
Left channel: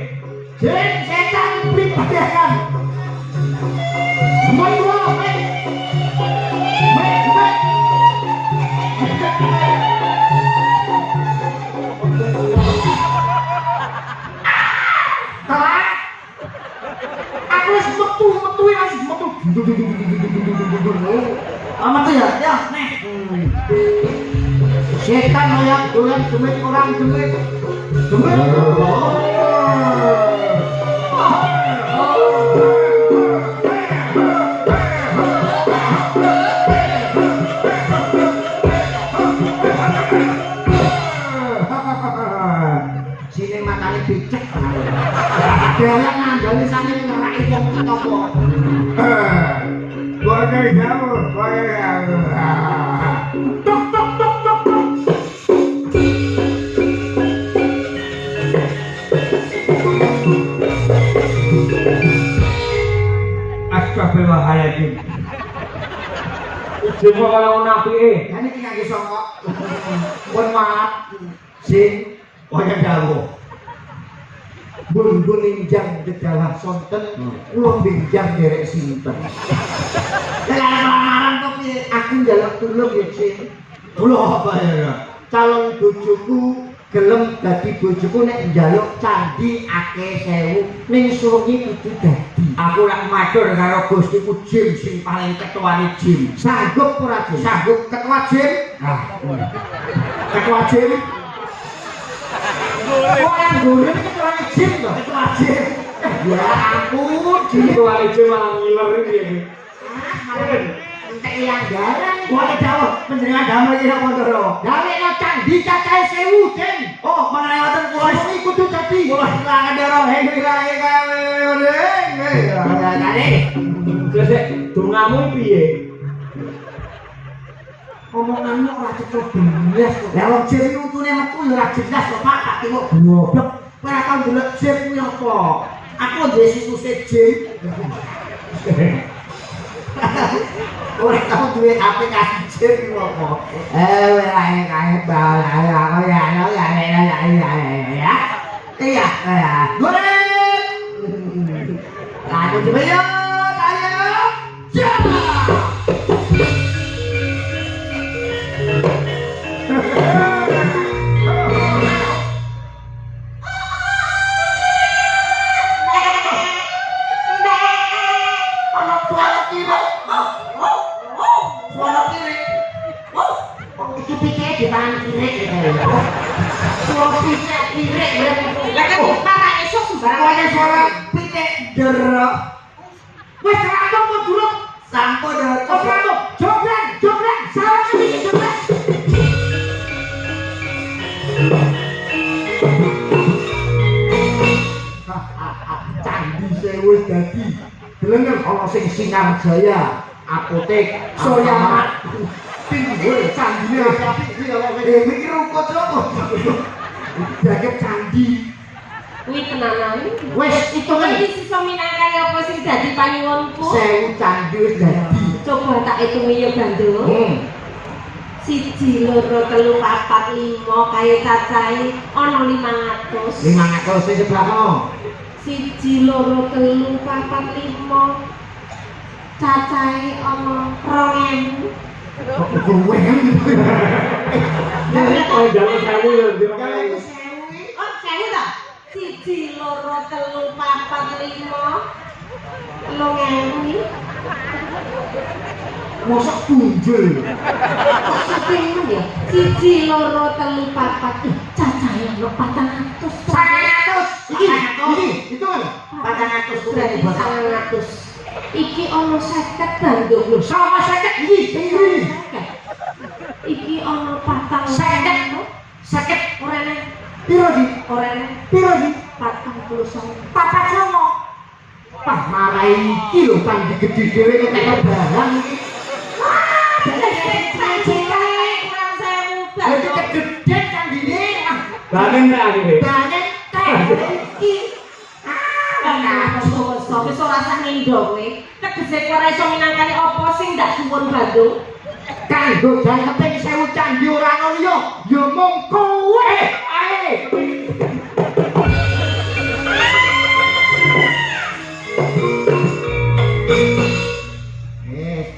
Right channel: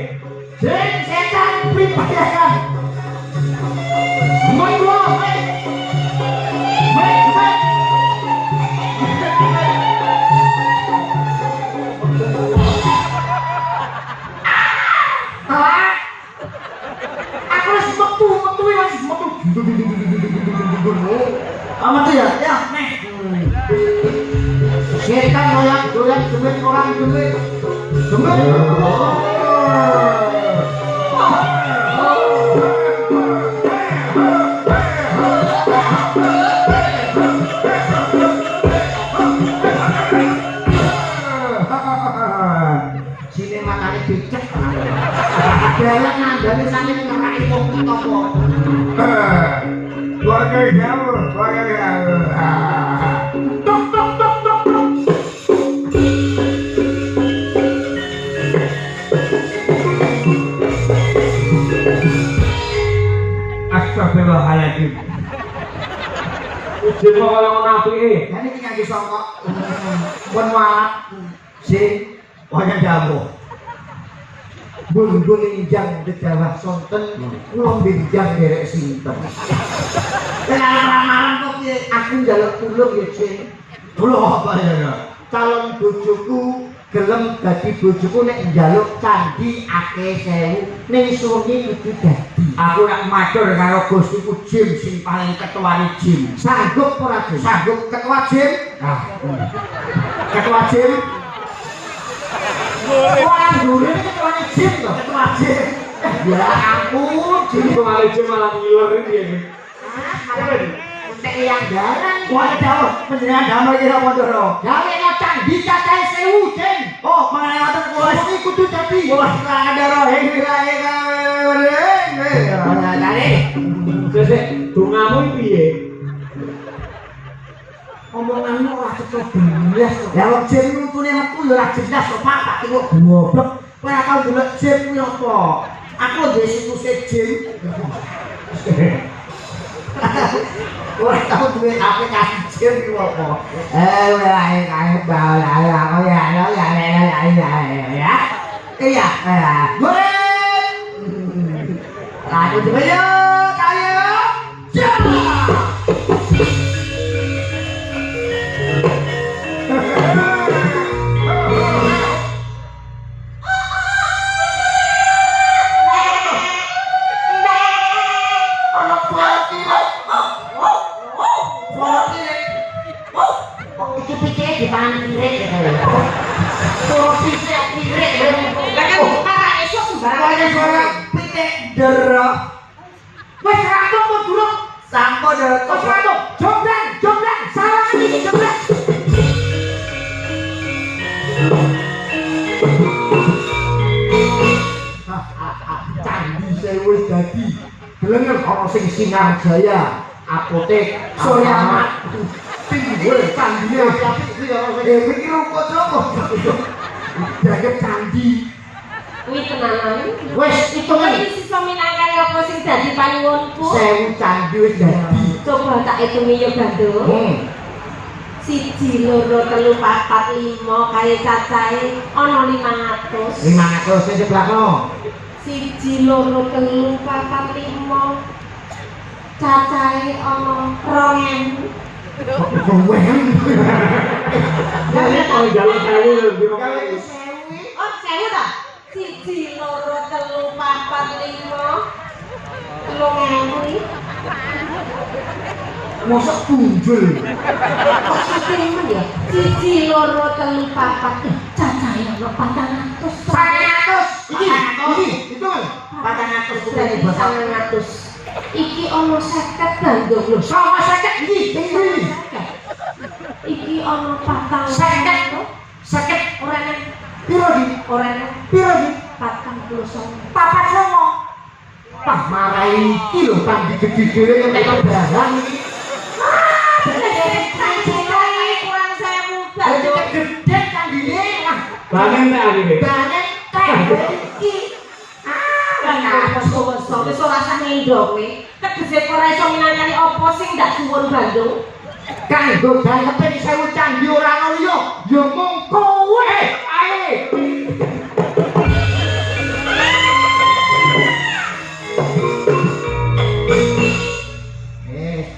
Jeng setan pripayangan metu Amat ya, nih. Setan banyak dolan demit orang demit. Sini matanya becek. Banyak nandani saking ngerai wong topo. Bagai jauh. Tok tok tok tok tok. Astagfirullahaladzim. Ujung kok kaya ono apike. Ini iki ngangge sangka. Pun walap sing kaya jauh. Bun injang gedawah sonten kula benjang derek sinten. Lamaran kok piye? Aku njaluk tulung ya, Cing. Kula apa ya? Calon bojoku gelem dadi bojoku nek njaluk candi akeh sewu ning suwengi kudu dadi. Aku nek matur karo Gustiku Jin sing paling ketuane Jin. Sanggup ora, Jin? Sanggup ketua Jin? Ketua Jin? Boleh. Boleh ketua Jin to, ketua Jin. Ya ampun, Jin Ketua Jin malah ngiler iki. Entek yang jalan. Boleh jauh, penjenengan damel iki apa ndoro? Gawekno candi cacahe 1000, Jin. Oh, mangaten kula iki kudu dadi. Wah, ora ndoro, hei Sesek dongamu piye? omonganmu ora cepet benes. Lah wong Jin nuntune metu ya ora jelas kok Pak, tak tengok goblok. Kowe ora tau ndelok Jin kuwi apa? Aku duwe situs Jin. Ora tau duwe aplikasi Jin kuwi apa? Wae kae dal aku ya. Iya, goreng. Aku coba yo, ayo. Itu pikir di mana kirek suara pirek kan para esok sembarang suara pitik derok wes random kok duruk sampo derok wes random joglan salah ini joglan candi saya wes dadi gelem ana sing Sinar Jaya apotek Soyamat pinggir candine tapi mikir rukut lho jaket candi Kuwi tenanan. wes hitungan Iki sisa minangkan apa sing dadi panyuwunku? 1000 candi wis dadi Coba tak hitungi ya Bandung. 1, 2, 3, 4, 5 kaya cacahe ana 500. 500 sing sebelah kono 1, 2, 3, 4, 5 cacahe ana 2000. kowe Oh, jalan saya kalau itu 1000 Oh Sewu ta? 1, 2, 3, 4, 5, 6.000. Mosok punjul. Sewu ya. 1, 2, 3, 4. Cacahe ono 400. 400. Iki itu kan 400 Berarti 900. Iki ono 50 bandung lho. Sama 50 iki. Iki ono 400. 50 Orane piro di? orane Piro di? 49. Papat songo. Pah marai iki lho pang digede-gede kaya barang iki. Kurang 1000 Jadi bandung. gede kandine. Bangen tak akhirnya? Banget teh iki. Wis ora usah ngendho kowe. Tegese kowe ora iso minangkani apa sing ndak suwun Bandung. Kanggo gawe keping 1000 candi ora ono liya. Ya mung kowe. Ae.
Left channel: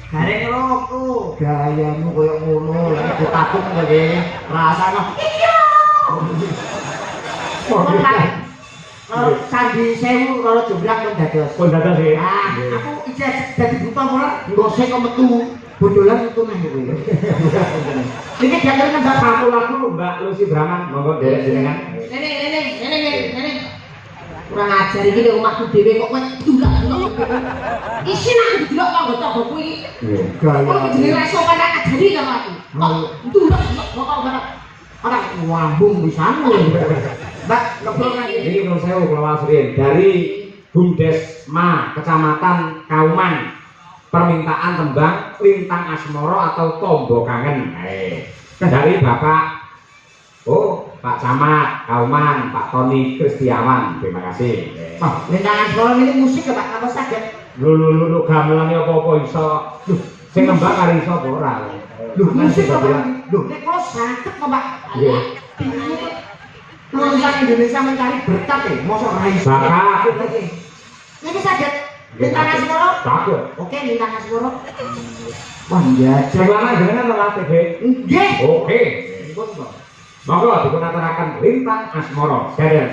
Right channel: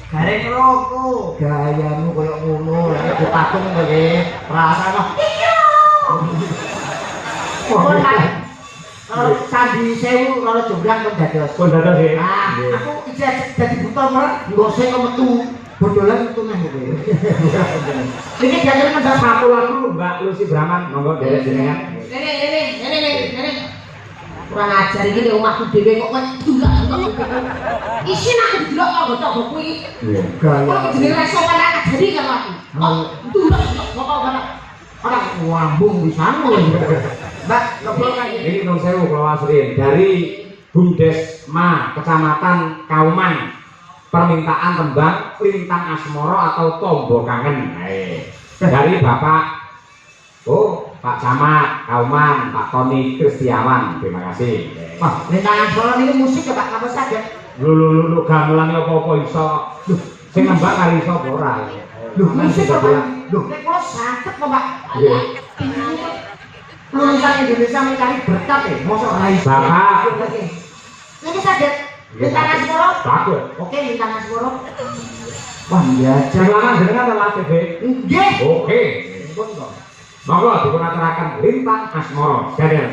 Gareng roko. Gayamu koyo ngono, lek dipatung kowe rasane. Kalau candi 1000 kalau jumlah kon dados. Kon dados ya. Ah, aku iki dadi buta malah ngosek kok metu. Bodolan itu nang kowe. Iki jalan nang Satu lagu Mbak Lucy Brahman, monggo derek jenengan. Nene. Kurang ajar iki nek omahku dhewe kok ndulak. Isin aku didelok tangga-tangga kuwi. Iya. Kowe jenenge ra iso kan ajari karo aku. Ndulak kok ora ngambung di sana. Mbak, ngobrol kan Ini Nur Sewu Pulau Asrin dari Bumdesma Kecamatan Kauman, permintaan tembang Lintang Asmoro atau Tombo Kangen. Dari Bapak Pak Camat Kauman, Pak Tony Kristiawan. Terima kasih. Wah, Lintang Asmoro ini musik ya Pak, apa saja? Lu gamelannya apa-apa iso. Sing nembang kari iso apa ora. Musik apa? Loh, nek kula santet kok Pak. Iya. Lulusan Indonesia mencari berkat ya, mosok ra iso. Bapak. Ini saged Lintang Asmoro. Bagus. Oke, Lintang Asmoro. Wah, iya. Silakan dengan nama TV. Nggih. Oke. Monggo dipunaturaken Lintang Asmoro. Dadah.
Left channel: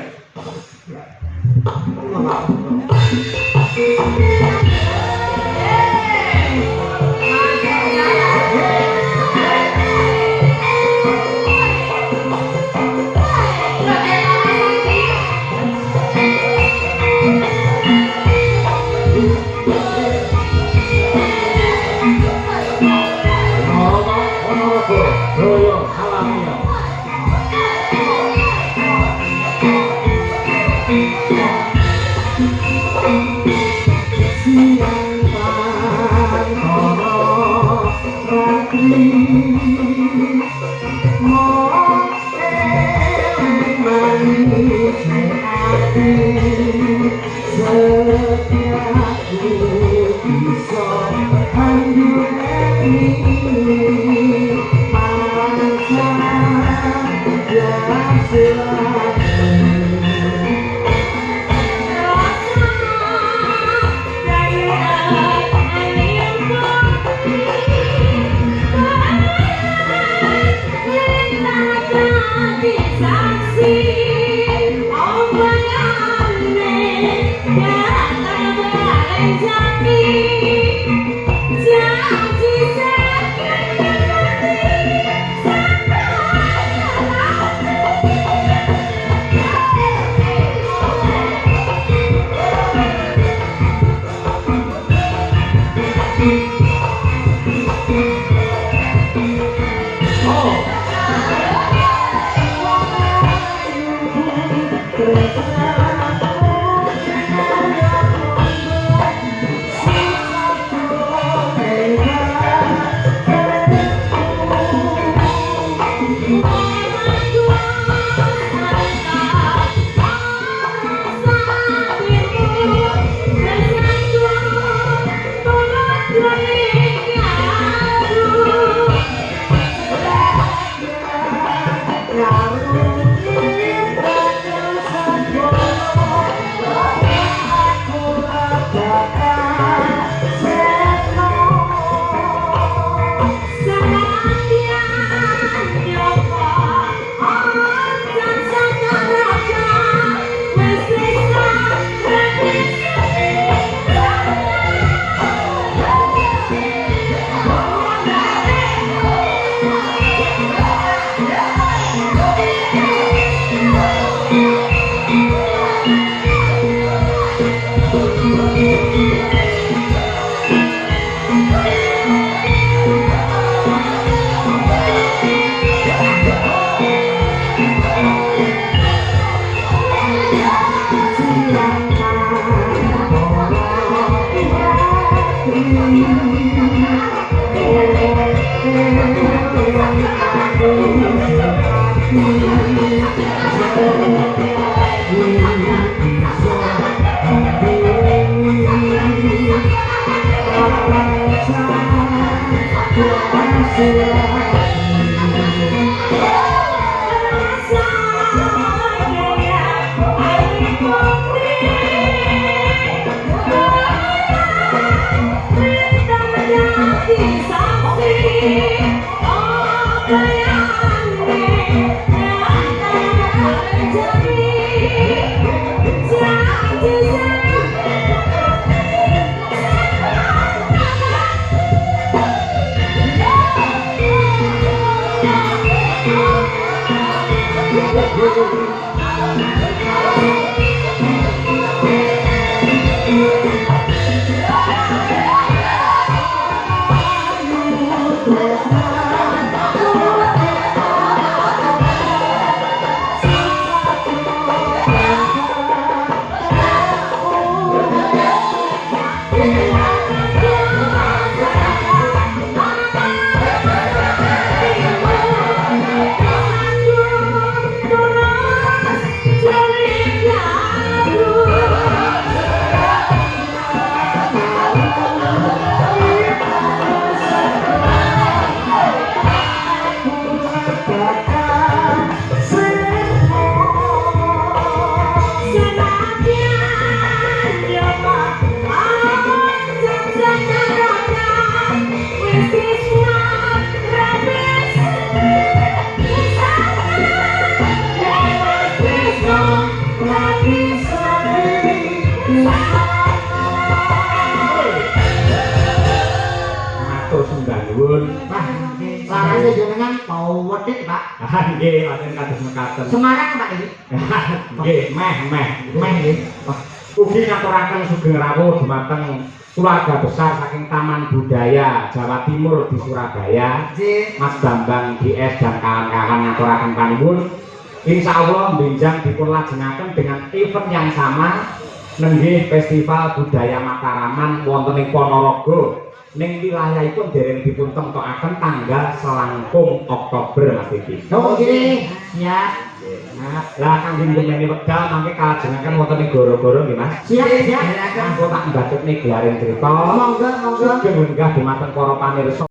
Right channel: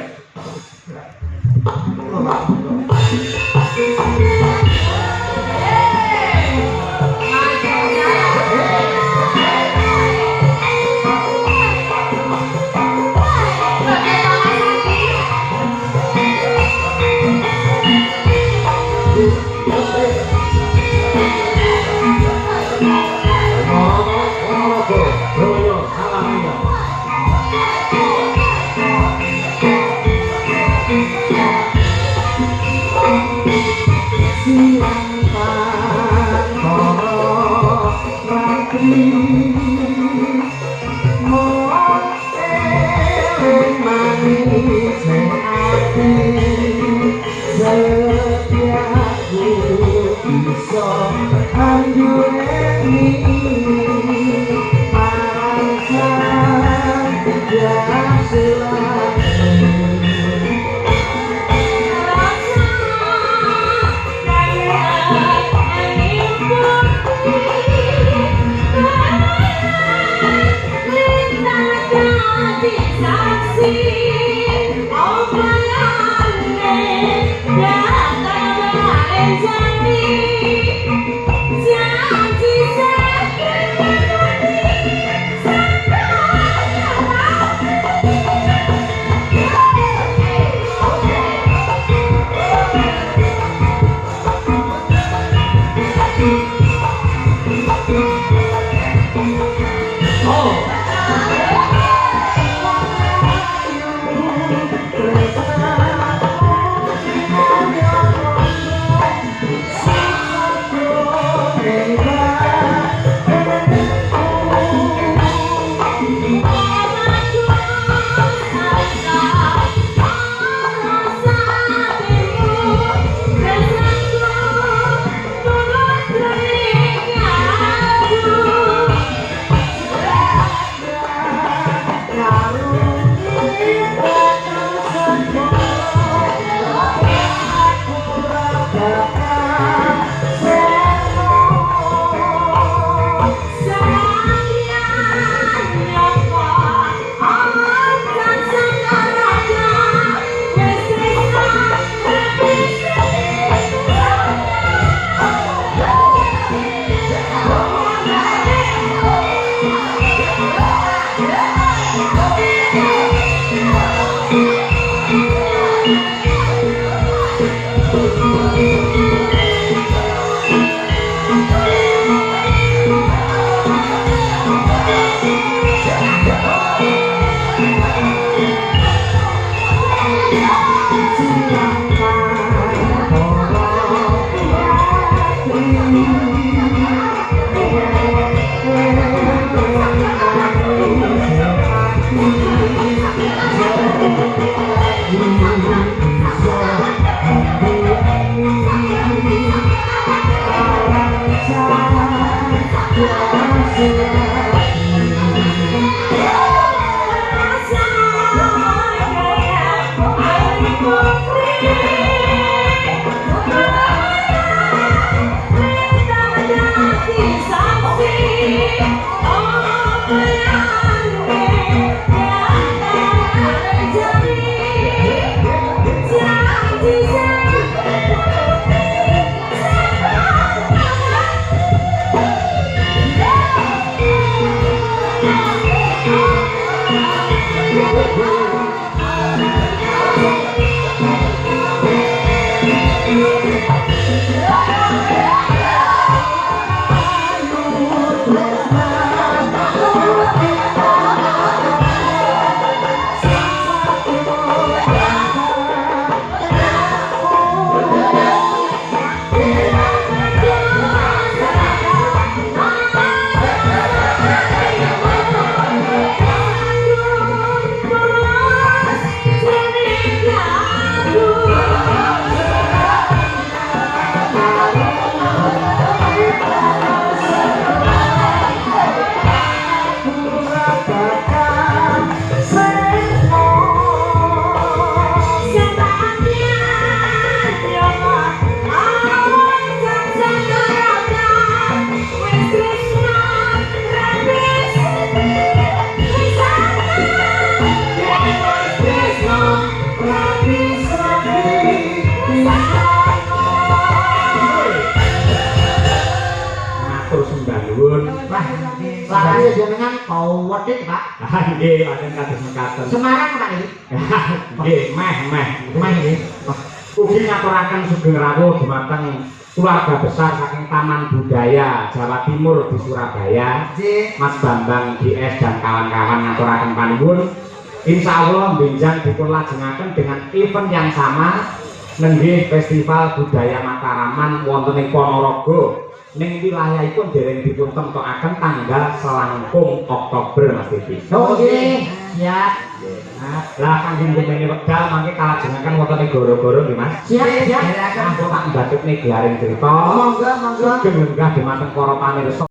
Sarane jenengan bau wedhit, Pak. Nggih, wonten kados mekaten. Semarang, Pak iki. Nggih, meh nggih. Ugi ngaturaken sugeng rawuh dumateng keluarga besar saking Taman Budaya Jawa Timur di Surabaya. Nggih. Mas Bambang DS dan kawan-kawan ngaturaken panuwun. Insyaallah benjang dipunlajengaken dengan event yang sama nenggih Festival Budaya Mataraman wonten ing Ponorogo. Ning wilayahipun dereng dipun temtokaken tanggal selangkung Oktober Mas Titi. Oh nggih, siap. Lah kangge njenengan wekdal mangke kalajengaken wonten ing goro-goro nggih Mas. Siap. Monggo tak mbatekne gelaring crita. Monggo. Sugeng lenggah dumateng para pamirsa.